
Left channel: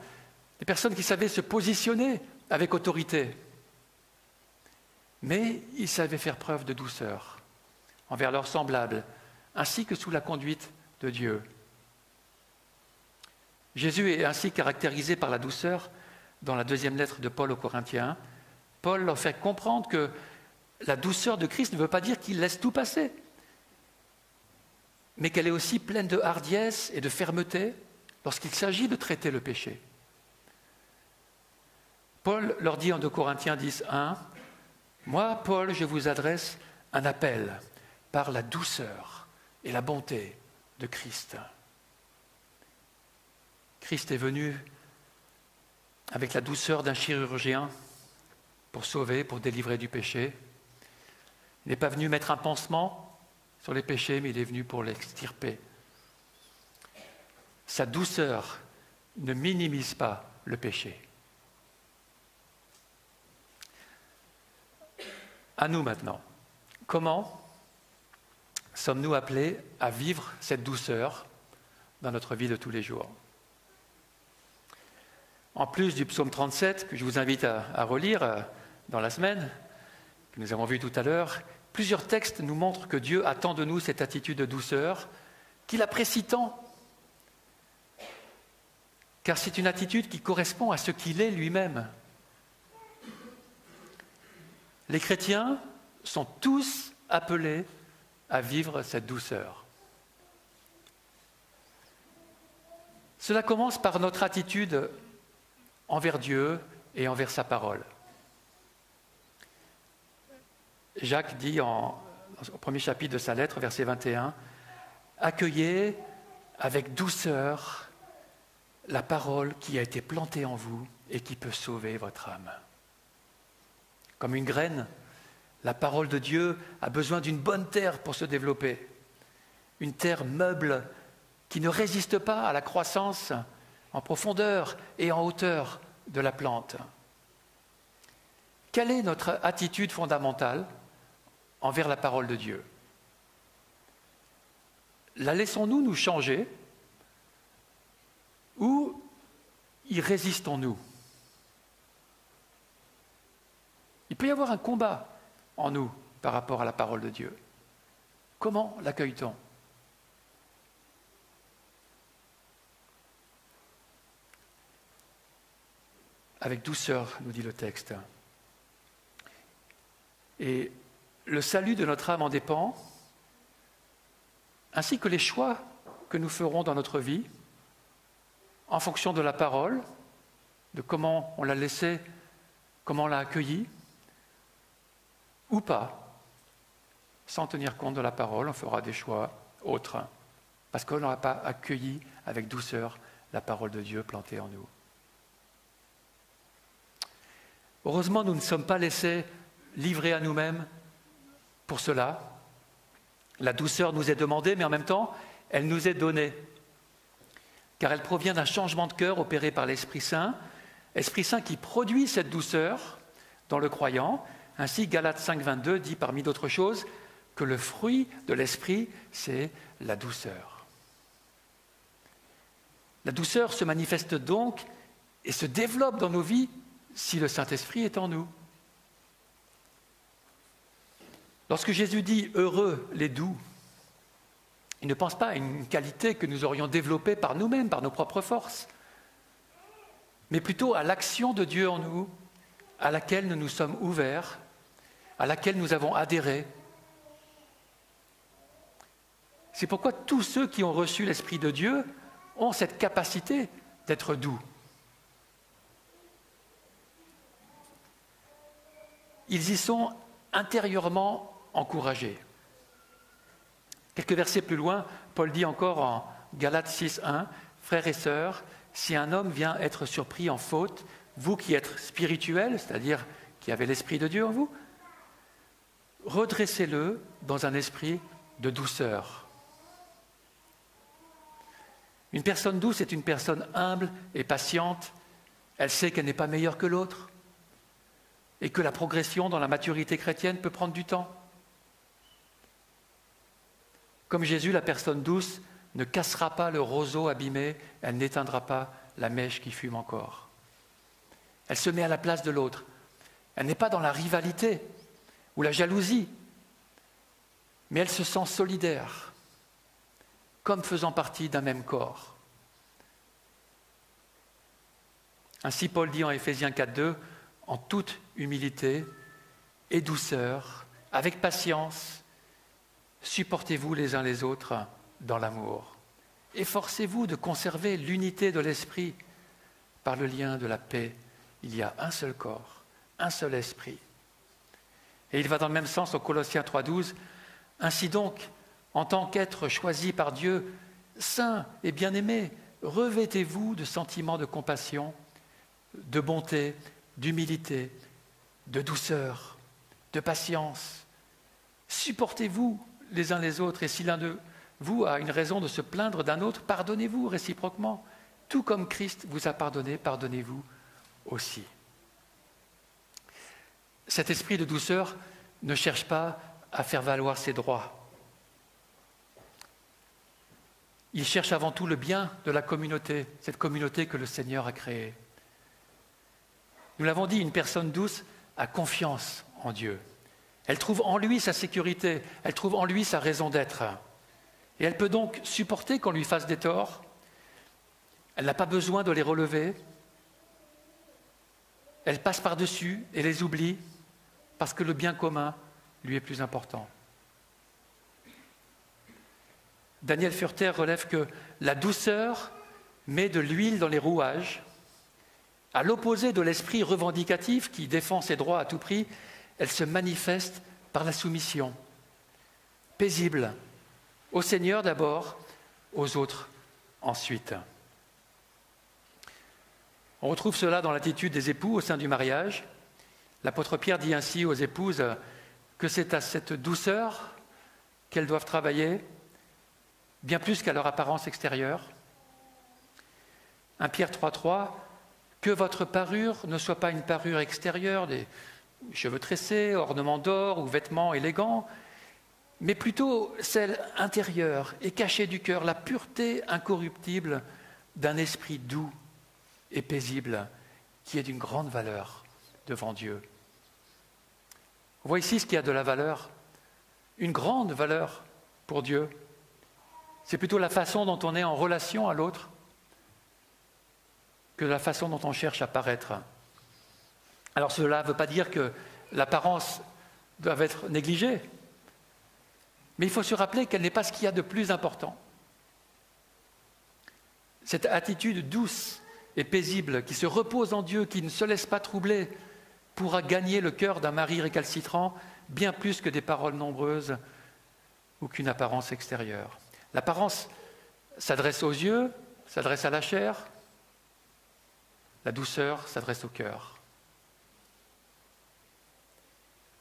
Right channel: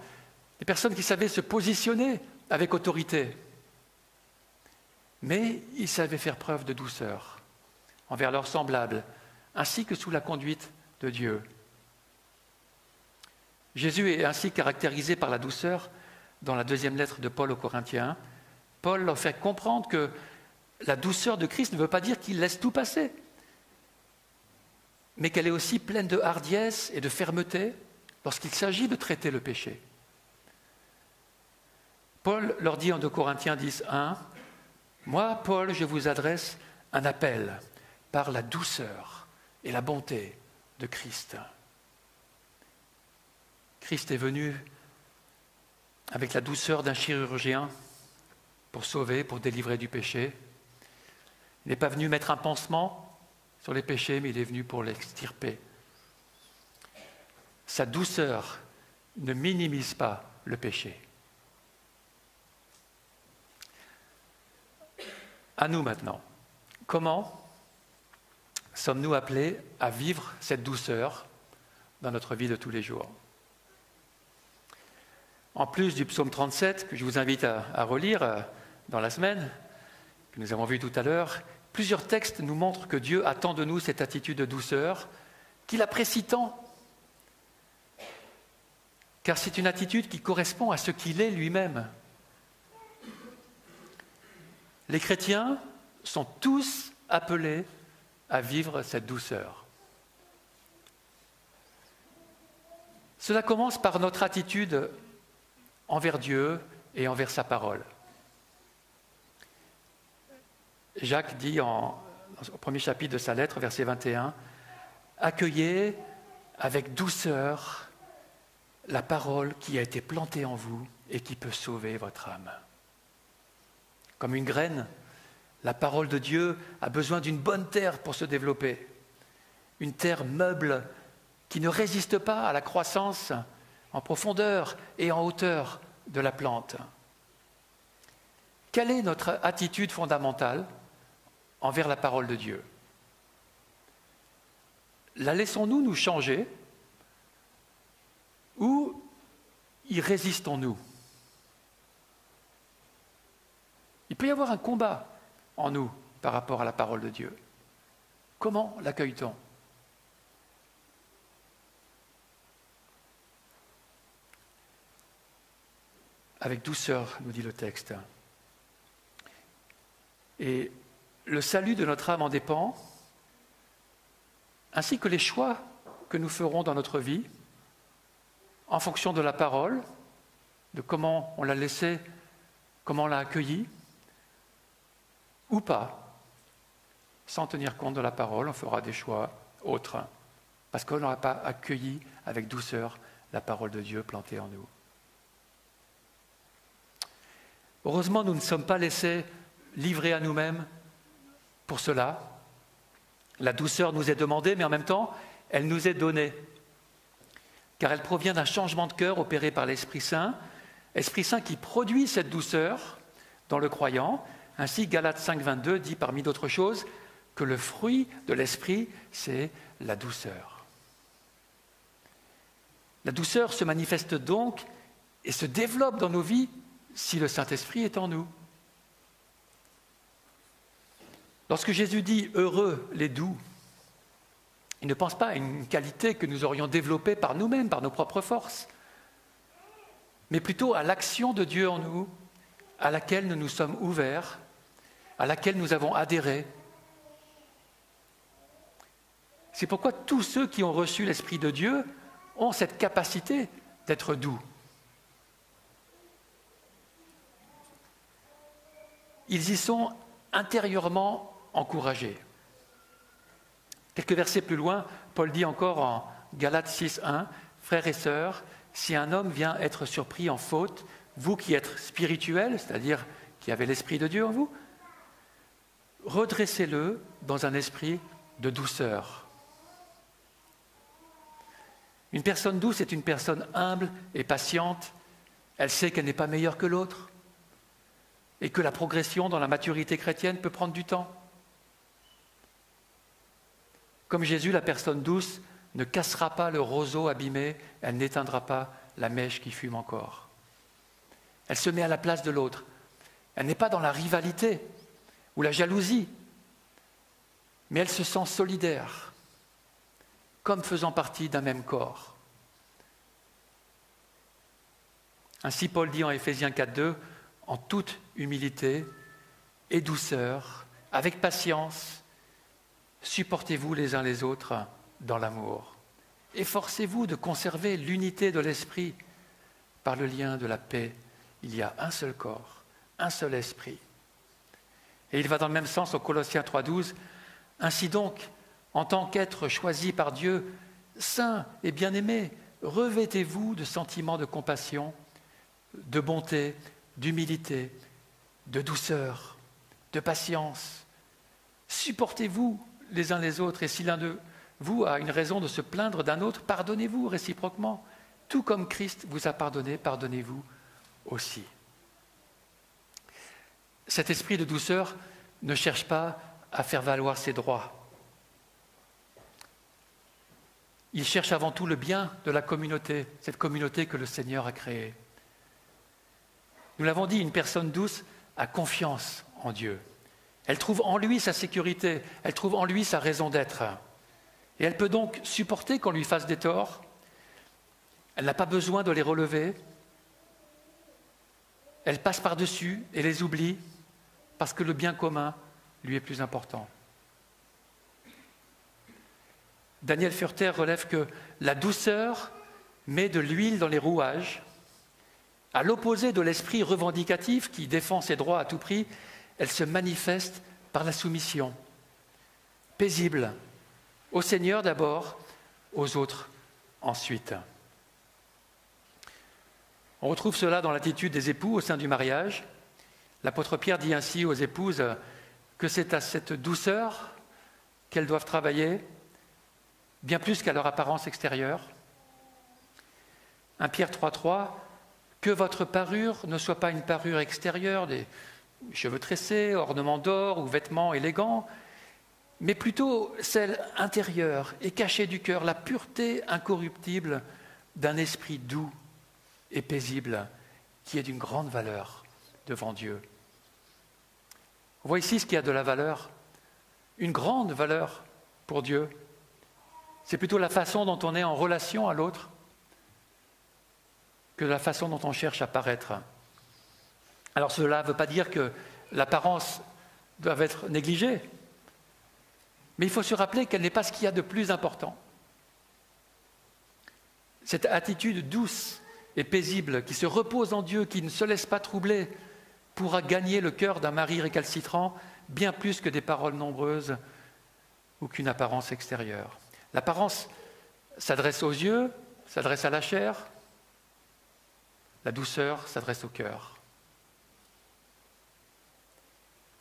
des personnes qui savaient se positionner avec autorité. Mais ils savaient faire preuve de douceur envers leurs semblables, ainsi que sous la conduite de Dieu. Jésus est ainsi caractérisé par la douceur dans la deuxième lettre de Paul aux Corinthiens. Paul leur fait comprendre que la douceur de Christ ne veut pas dire qu'il laisse tout passer, mais qu'elle est aussi pleine de hardiesse et de fermeté lorsqu'il s'agit de traiter le péché. Paul leur dit en 2 Corinthiens 10:1, « Moi, Paul, je vous adresse un appel par la douceur et la bonté de Christ. Christ est venu avec la douceur d'un chirurgien pour sauver, pour délivrer du péché. Il n'est pas venu mettre un pansement sur les péchés, mais il est venu pour l'extirper. Sa douceur ne minimise pas le péché. À nous maintenant. Comment sommes-nous appelés à vivre cette douceur dans notre vie de tous les jours? En plus du psaume 37, que je vous invite à relire dans la semaine, que nous avons vu tout à l'heure, plusieurs textes nous montrent que Dieu attend de nous cette attitude de douceur, qu'il apprécie tant, car c'est une attitude qui correspond à ce qu'il est lui-même. Les chrétiens sont tous appelés à vivre cette douceur. Cela commence par notre attitude envers Dieu et envers sa parole. Jacques dit au premier chapitre de sa lettre, verset 21, « Accueillez avec douceur la parole qui a été plantée en vous et qui peut sauver votre âme. » Comme une graine, la parole de Dieu a besoin d'une bonne terre pour se développer. Une terre meuble qui ne résiste pas à la croissance en profondeur et en hauteur de la plante. Quelle est notre attitude fondamentale envers la parole de Dieu? La laissons-nous nous changer ou y résistons-nous? Il peut y avoir un combat en nous par rapport à la parole de Dieu. Comment l'accueille-t-on? Avec douceur, nous dit le texte. Et le salut de notre âme en dépend, ainsi que les choix que nous ferons dans notre vie, en fonction de la parole, de comment on l'a laissée, comment on l'a accueillie, ou pas. Sans tenir compte de la parole, on fera des choix autres, parce qu'on n'aura pas accueilli avec douceur la parole de Dieu plantée en nous. Heureusement, nous ne sommes pas laissés livrer à nous-mêmes pour cela. La douceur nous est demandée, mais en même temps, elle nous est donnée. Car elle provient d'un changement de cœur opéré par l'Esprit Saint qui produit cette douceur dans le croyant. Ainsi, Galates 5, 22 dit parmi d'autres choses que le fruit de l'Esprit, c'est la douceur. La douceur se manifeste donc et se développe dans nos vies si le Saint-Esprit est en nous. Lorsque Jésus dit « heureux les doux », il ne pense pas à une qualité que nous aurions développée par nous-mêmes, par nos propres forces, mais plutôt à l'action de Dieu en nous, à laquelle nous nous sommes ouverts, à laquelle nous avons adhéré. C'est pourquoi tous ceux qui ont reçu l'Esprit de Dieu ont cette capacité d'être doux. Ils y sont intérieurement encouragés. Quelques versets plus loin, Paul dit encore en Galates 6, 1, « Frères et sœurs, si un homme vient être surpris en faute, vous qui êtes spirituels, c'est-à-dire qui avez l'Esprit de Dieu en vous, redressez-le dans un esprit de douceur. » Une personne douce est une personne humble et patiente. Elle sait qu'elle n'est pas meilleure que l'autre et que la progression dans la maturité chrétienne peut prendre du temps. Comme Jésus, la personne douce ne cassera pas le roseau abîmé, elle n'éteindra pas la mèche qui fume encore. Elle se met à la place de l'autre. Elle n'est pas dans la rivalité ou la jalousie, mais elle se sent solidaire, comme faisant partie d'un même corps. Ainsi, Paul dit en Éphésiens 4.2, « En toute humilité et douceur, avec patience, supportez-vous les uns les autres dans l'amour. Efforcez-vous de conserver l'unité de l'esprit. Par le lien de la paix, il y a un seul corps, un seul esprit. » Et il va dans le même sens au Colossiens 3.12. « Ainsi donc, en tant qu'être choisi par Dieu, saints et bien-aimés, revêtez-vous de sentiments de compassion, de bonté, d'humilité, de douceur, de patience. Supportez-vous les uns les autres, et si l'un de vous a une raison de se plaindre d'un autre, pardonnez-vous réciproquement. Tout comme Christ vous a pardonné, pardonnez-vous aussi. Cet esprit de douceur ne cherche pas à faire valoir ses droits. Il cherche avant tout le bien de la communauté, cette communauté que le Seigneur a créée. Nous l'avons dit, une personne douce a confiance en Dieu. Elle trouve en lui sa sécurité, elle trouve en lui sa raison d'être. Et elle peut donc supporter qu'on lui fasse des torts. Elle n'a pas besoin de les relever. Elle passe par-dessus et les oublie parce que le bien commun lui est plus important. Daniel Furter relève que la douceur met de l'huile dans les rouages. À l'opposé de l'esprit revendicatif qui défend ses droits à tout prix, elle se manifeste par la soumission, paisible, au Seigneur d'abord, aux autres ensuite. On retrouve cela dans l'attitude des époux au sein du mariage. L'apôtre Pierre dit ainsi aux épouses que c'est à cette douceur qu'elles doivent travailler, bien plus qu'à leur apparence extérieure. 1 Pierre 3,3, que votre parure ne soit pas une parure extérieure, des cheveux tressés, ornements d'or ou vêtements élégants, mais plutôt celle intérieure et cachée du cœur, la pureté incorruptible d'un esprit doux et paisible qui est d'une grande valeur devant Dieu. On voit ici ce qui a de la valeur, une grande valeur pour Dieu. C'est plutôt la façon dont on est en relation à l'autre que la façon dont on cherche à paraître. Alors cela ne veut pas dire que l'apparence doit être négligée, mais il faut se rappeler qu'elle n'est pas ce qu'il y a de plus important. Cette attitude douce et paisible qui se repose en Dieu, qui ne se laisse pas troubler, pourra gagner le cœur d'un mari récalcitrant bien plus que des paroles nombreuses ou qu'une apparence extérieure. L'apparence s'adresse aux yeux, s'adresse à la chair. La douceur s'adresse au cœur.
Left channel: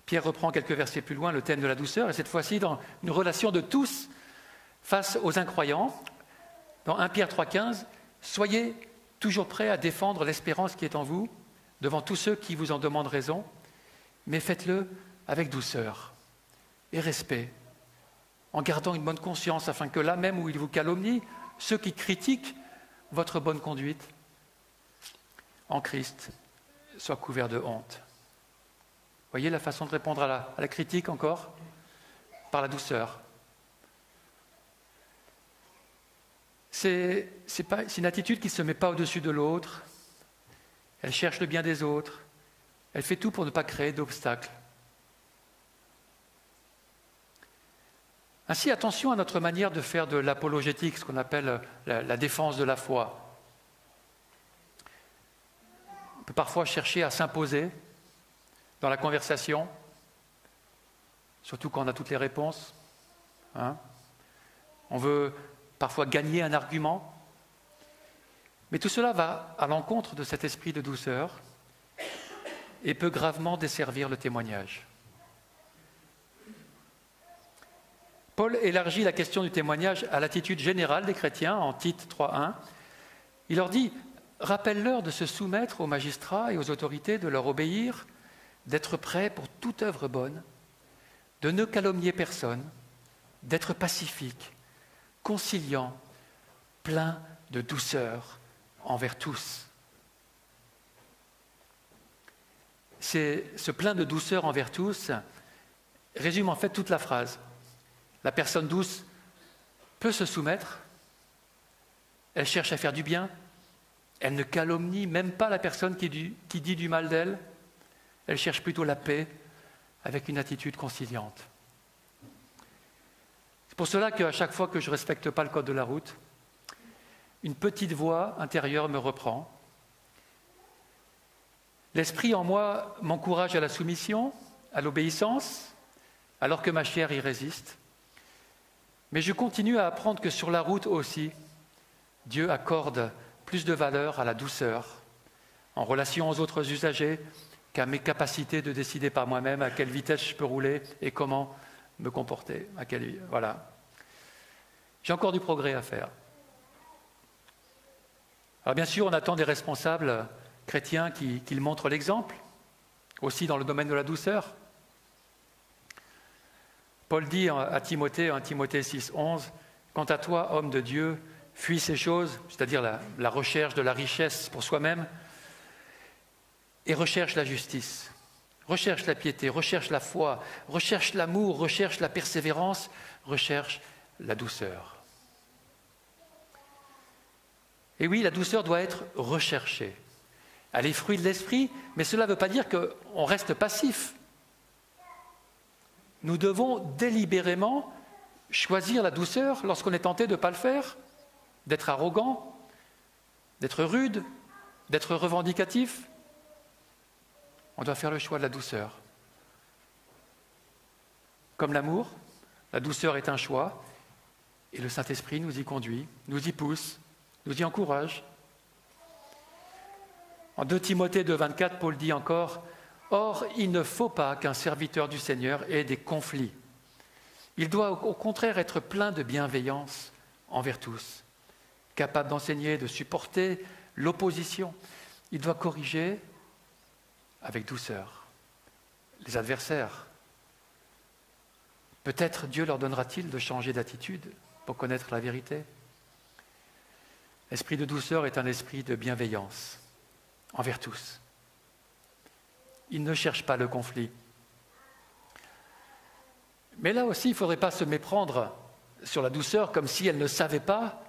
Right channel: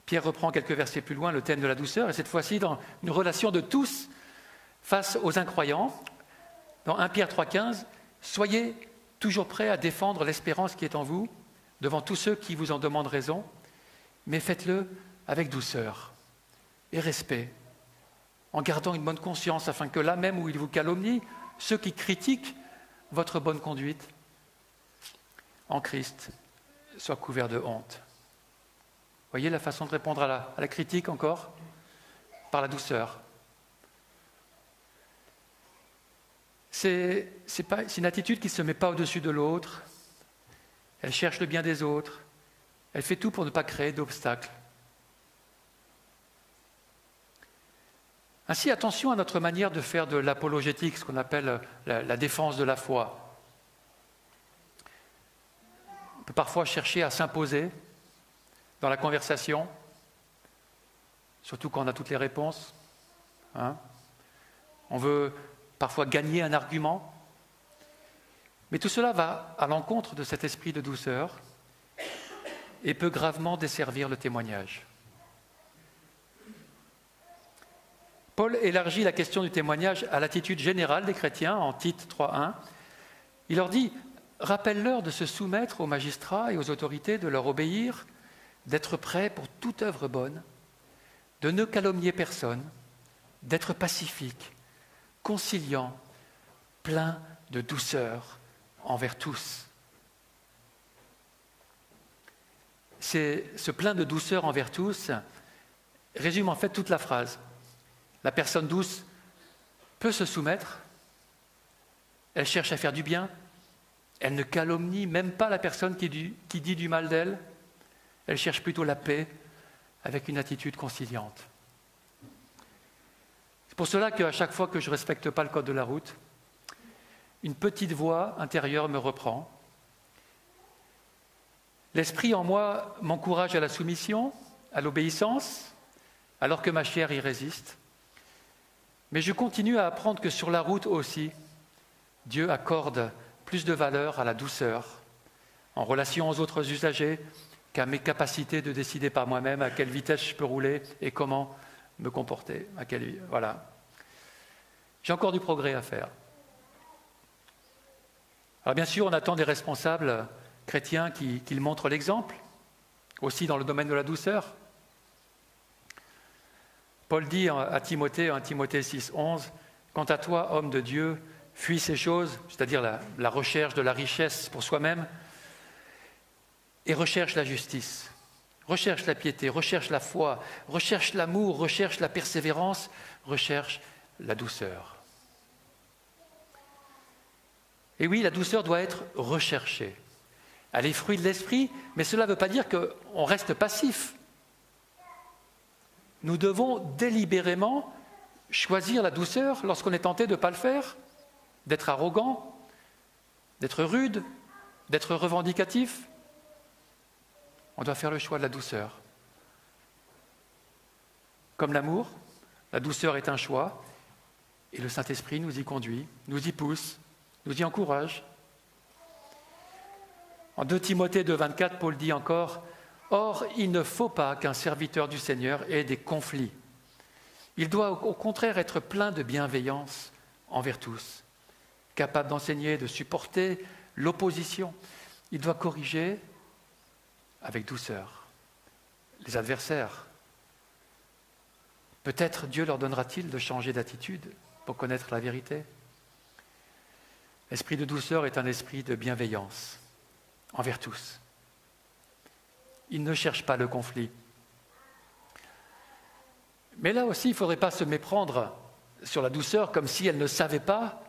Pierre reprend quelques versets plus loin le thème de la douceur, et cette fois-ci dans une relation de tous face aux incroyants. Dans 1 Pierre 3,15, « Soyez toujours prêts à défendre l'espérance qui est en vous devant tous ceux qui vous en demandent raison, mais faites-le avec douceur et respect, en gardant une bonne conscience, afin que là même où ils vous calomnient, ceux qui critiquent votre bonne conduite en Christ soient couverts de honte. » Voyez la façon de répondre à la critique encore? Par la douceur. C'est une attitude qui ne se met pas au-dessus de l'autre. Elle cherche le bien des autres. Elle fait tout pour ne pas créer d'obstacles. Ainsi, attention à notre manière de faire de l'apologétique, ce qu'on appelle la défense de la foi. On peut parfois chercher à s'imposer dans la conversation, surtout quand on a toutes les réponses. On veut parfois gagner un argument. Mais tout cela va à l'encontre de cet esprit de douceur et peut gravement desservir le témoignage. Paul élargit la question du témoignage à l'attitude générale des chrétiens en Tite 3.1. Il leur dit « Rappelle-leur de se soumettre aux magistrats et aux autorités, de leur obéir, d'être prêts pour toute œuvre bonne, de ne calomnier personne, d'être pacifique, conciliant, plein de douceur envers tous. » Ce plein de douceur envers tous résume en fait toute la phrase. La personne douce peut se soumettre, elle cherche à faire du bien, elle ne calomnie même pas la personne qui dit du mal d'elle, elle cherche plutôt la paix avec une attitude conciliante. C'est pour cela qu'à chaque fois que je ne respecte pas le code de la route, une petite voix intérieure me reprend. L'esprit en moi m'encourage à la soumission, à l'obéissance, alors que ma chair y résiste. Mais je continue à apprendre que sur la route aussi, Dieu accorde plus de valeur à la douceur, en relation aux autres usagers, qu'à mes capacités de décider par moi-même à quelle vitesse je peux rouler et comment me comporter. Voilà. J'ai encore du progrès à faire. Alors bien sûr, on attend des responsables chrétiens qu'ils montrent l'exemple, aussi dans le domaine de la douceur. Paul dit à Timothée, en Timothée 6,11, « Quant à toi, homme de Dieu, fuis ces choses, c'est-à-dire la recherche de la richesse pour soi-même, et recherche la justice, recherche la piété, recherche la foi, recherche l'amour, recherche la persévérance, recherche la douceur. » Et oui, la douceur doit être recherchée. Elle est fruit de l'esprit, mais cela ne veut pas dire qu'on reste passif. Nous devons délibérément choisir la douceur lorsqu'on est tenté de ne pas le faire, d'être arrogant, d'être rude, d'être revendicatif. On doit faire le choix de la douceur. Comme l'amour, la douceur est un choix et le Saint-Esprit nous y conduit, nous y pousse, nous y encourage. En 2 Timothée 2,24, Paul dit encore « Or, il ne faut pas qu'un serviteur du Seigneur ait des conflits. Il doit au contraire être plein de bienveillance envers tous, capable d'enseigner, de supporter l'opposition. Il doit corriger avec douceur les adversaires. Peut-être Dieu leur donnera-t-il de changer d'attitude pour connaître la vérité. L'esprit de douceur est un esprit de bienveillance envers tous. Il ne cherche pas le conflit. Mais là aussi, il ne faudrait pas se méprendre sur la douceur comme si elle ne savait pas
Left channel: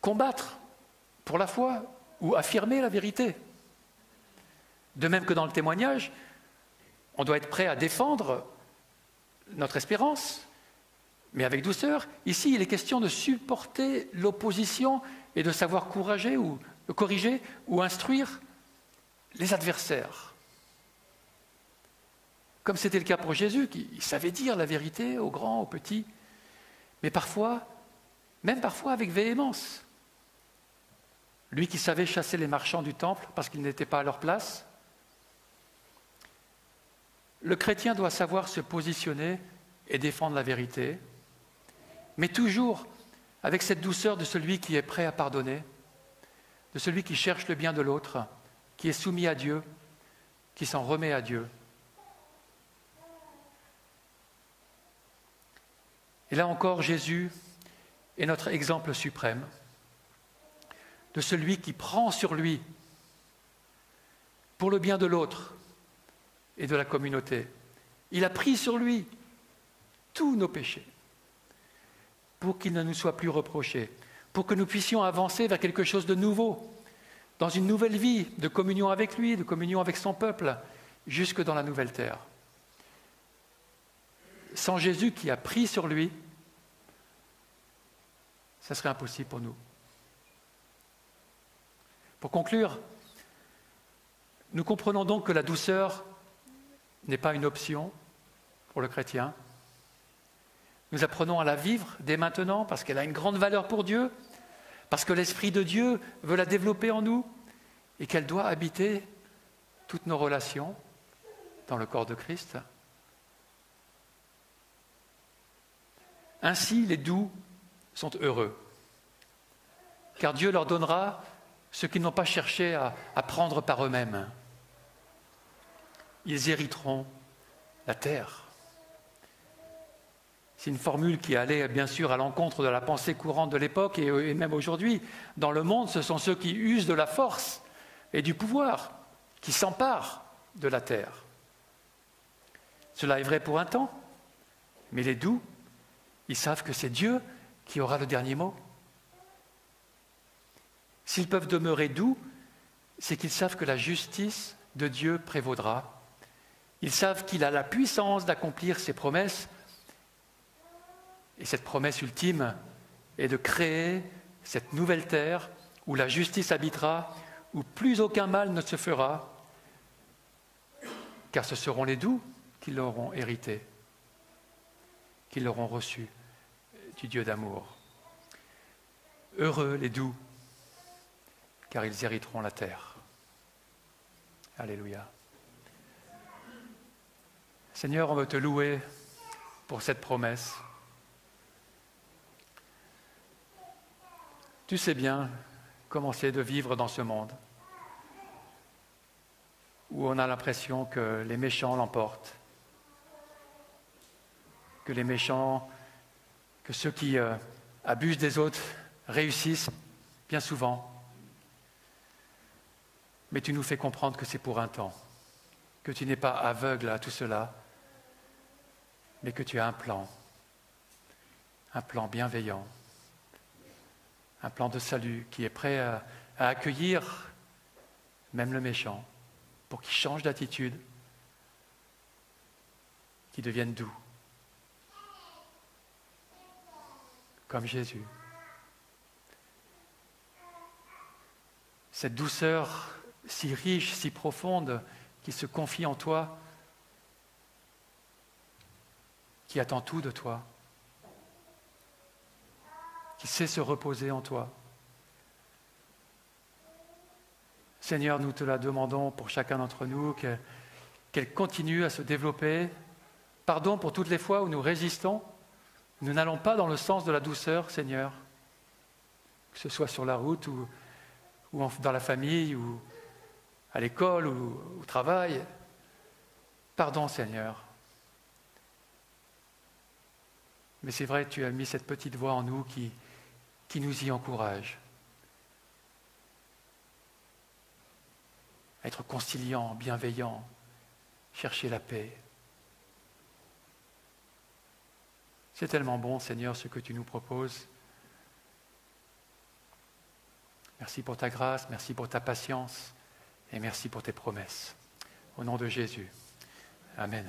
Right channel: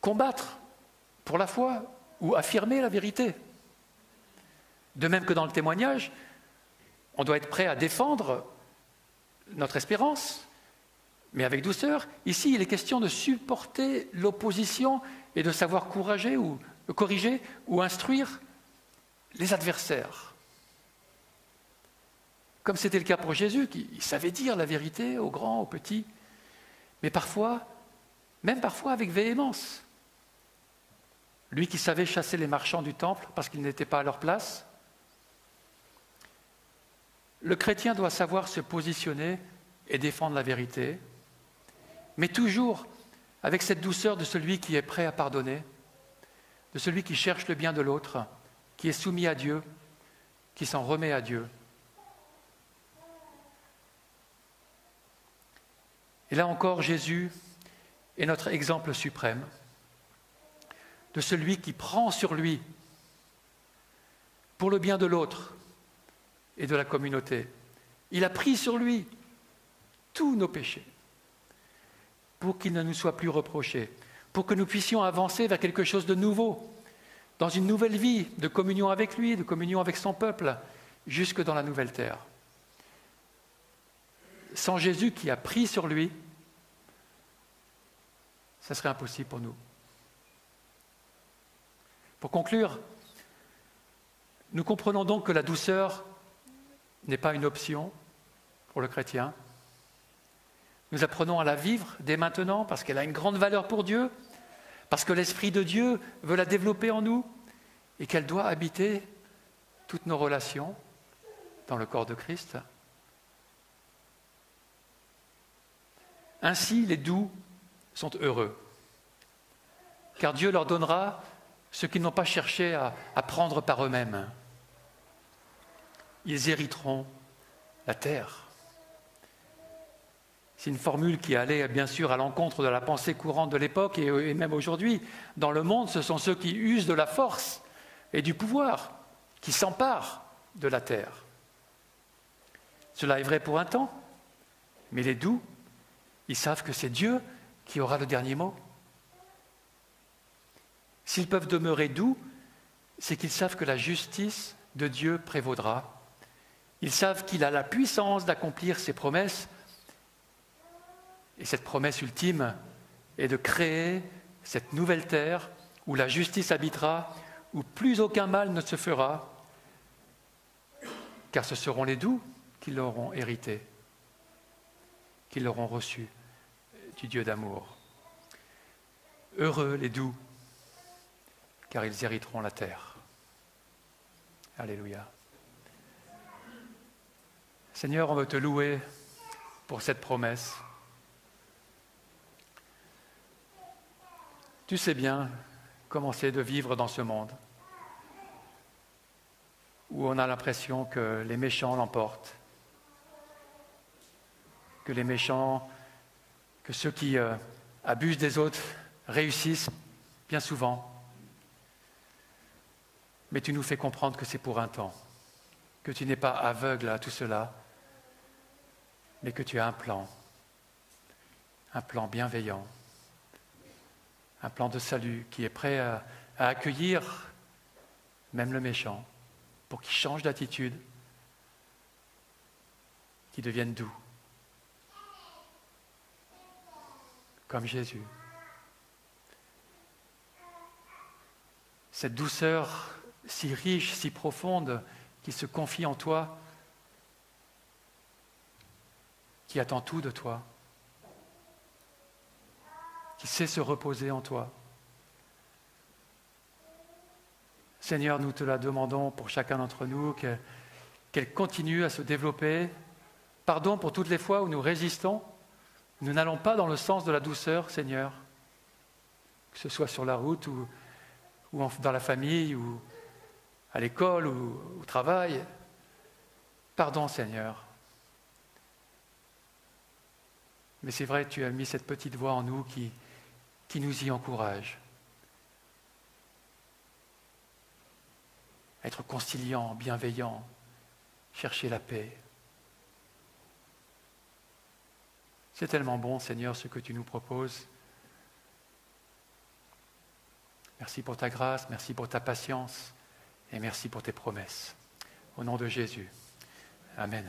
combattre pour la foi ou affirmer la vérité. De même que dans le témoignage, on doit être prêt à défendre notre espérance, mais avec douceur. Ici, il est question de supporter l'opposition et de savoir corriger ou instruire les adversaires. Comme c'était le cas pour Jésus, qui savait dire la vérité aux grands, aux petits, mais parfois, même parfois avec véhémence. Lui qui savait chasser les marchands du temple parce qu'ils n'étaient pas à leur place. Le chrétien doit savoir se positionner et défendre la vérité, mais toujours avec cette douceur de celui qui est prêt à pardonner, de celui qui cherche le bien de l'autre, qui est soumis à Dieu, qui s'en remet à Dieu. Et là encore, Jésus est notre exemple suprême de celui qui prend sur lui pour le bien de l'autre et de la communauté. Il a pris sur lui tous nos péchés pour qu'il ne nous soit plus reproché, pour que nous puissions avancer vers quelque chose de nouveau, dans une nouvelle vie de communion avec lui, de communion avec son peuple, jusque dans la nouvelle terre. Sans Jésus qui a pris sur lui, ça serait impossible pour nous. Pour conclure, nous comprenons donc que la douceur n'est pas une option pour le chrétien. Nous apprenons à la vivre dès maintenant parce qu'elle a une grande valeur pour Dieu, parce que l'Esprit de Dieu veut la développer en nous et qu'elle doit habiter toutes nos relations dans le corps de Christ. Ainsi, les doux sont heureux, car Dieu leur donnera ce qu'ils n'ont pas cherché à prendre par eux-mêmes. Ils hériteront la terre. C'est une formule qui allait bien sûr à l'encontre de la pensée courante de l'époque et même aujourd'hui. Dans le monde, ce sont ceux qui usent de la force et du pouvoir, qui s'emparent de la terre. Cela est vrai pour un temps, mais les doux, ils savent que c'est Dieu qui aura le dernier mot. S'ils peuvent demeurer doux, c'est qu'ils savent que la justice de Dieu prévaudra. Ils savent qu'il a la puissance d'accomplir ses promesses. Et cette promesse ultime est de créer cette nouvelle terre où la justice habitera, où plus aucun mal ne se fera, car ce seront les doux qui l'auront hérité. qu'ils l'auront reçu du Dieu d'amour. Heureux les doux, car ils hériteront la terre. Alléluia. Seigneur, on veut te louer pour cette promesse. Tu sais bien comment c'est de vivre dans ce monde où on a l'impression que les méchants l'emportent, que les méchants, que ceux qui abusent des autres réussissent bien souvent. Mais tu nous fais comprendre que c'est pour un temps, que tu n'es pas aveugle à tout cela, mais que tu as un plan bienveillant, un plan de salut qui est prêt à accueillir même le méchant, pour qu'il change d'attitude, qu'il devienne doux, comme Jésus. Cette douceur si riche, si profonde, qui se confie en toi, qui attend tout de toi, qui sait se reposer en toi. Seigneur, nous te la demandons pour chacun d'entre nous, qu'elle continue à se développer. Pardon pour toutes les fois où nous résistons. Nous n'allons pas dans le sens de la douceur, Seigneur, que ce soit sur la route ou dans la famille ou à l'école ou au travail. Pardon, Seigneur. Mais c'est vrai que tu as mis cette petite voix en nous qui nous y encourage. Être conciliant, bienveillant, chercher la paix. C'est tellement bon, Seigneur, ce que tu nous proposes. Merci pour ta grâce, merci pour ta patience et merci pour tes promesses. Au nom de Jésus. Amen.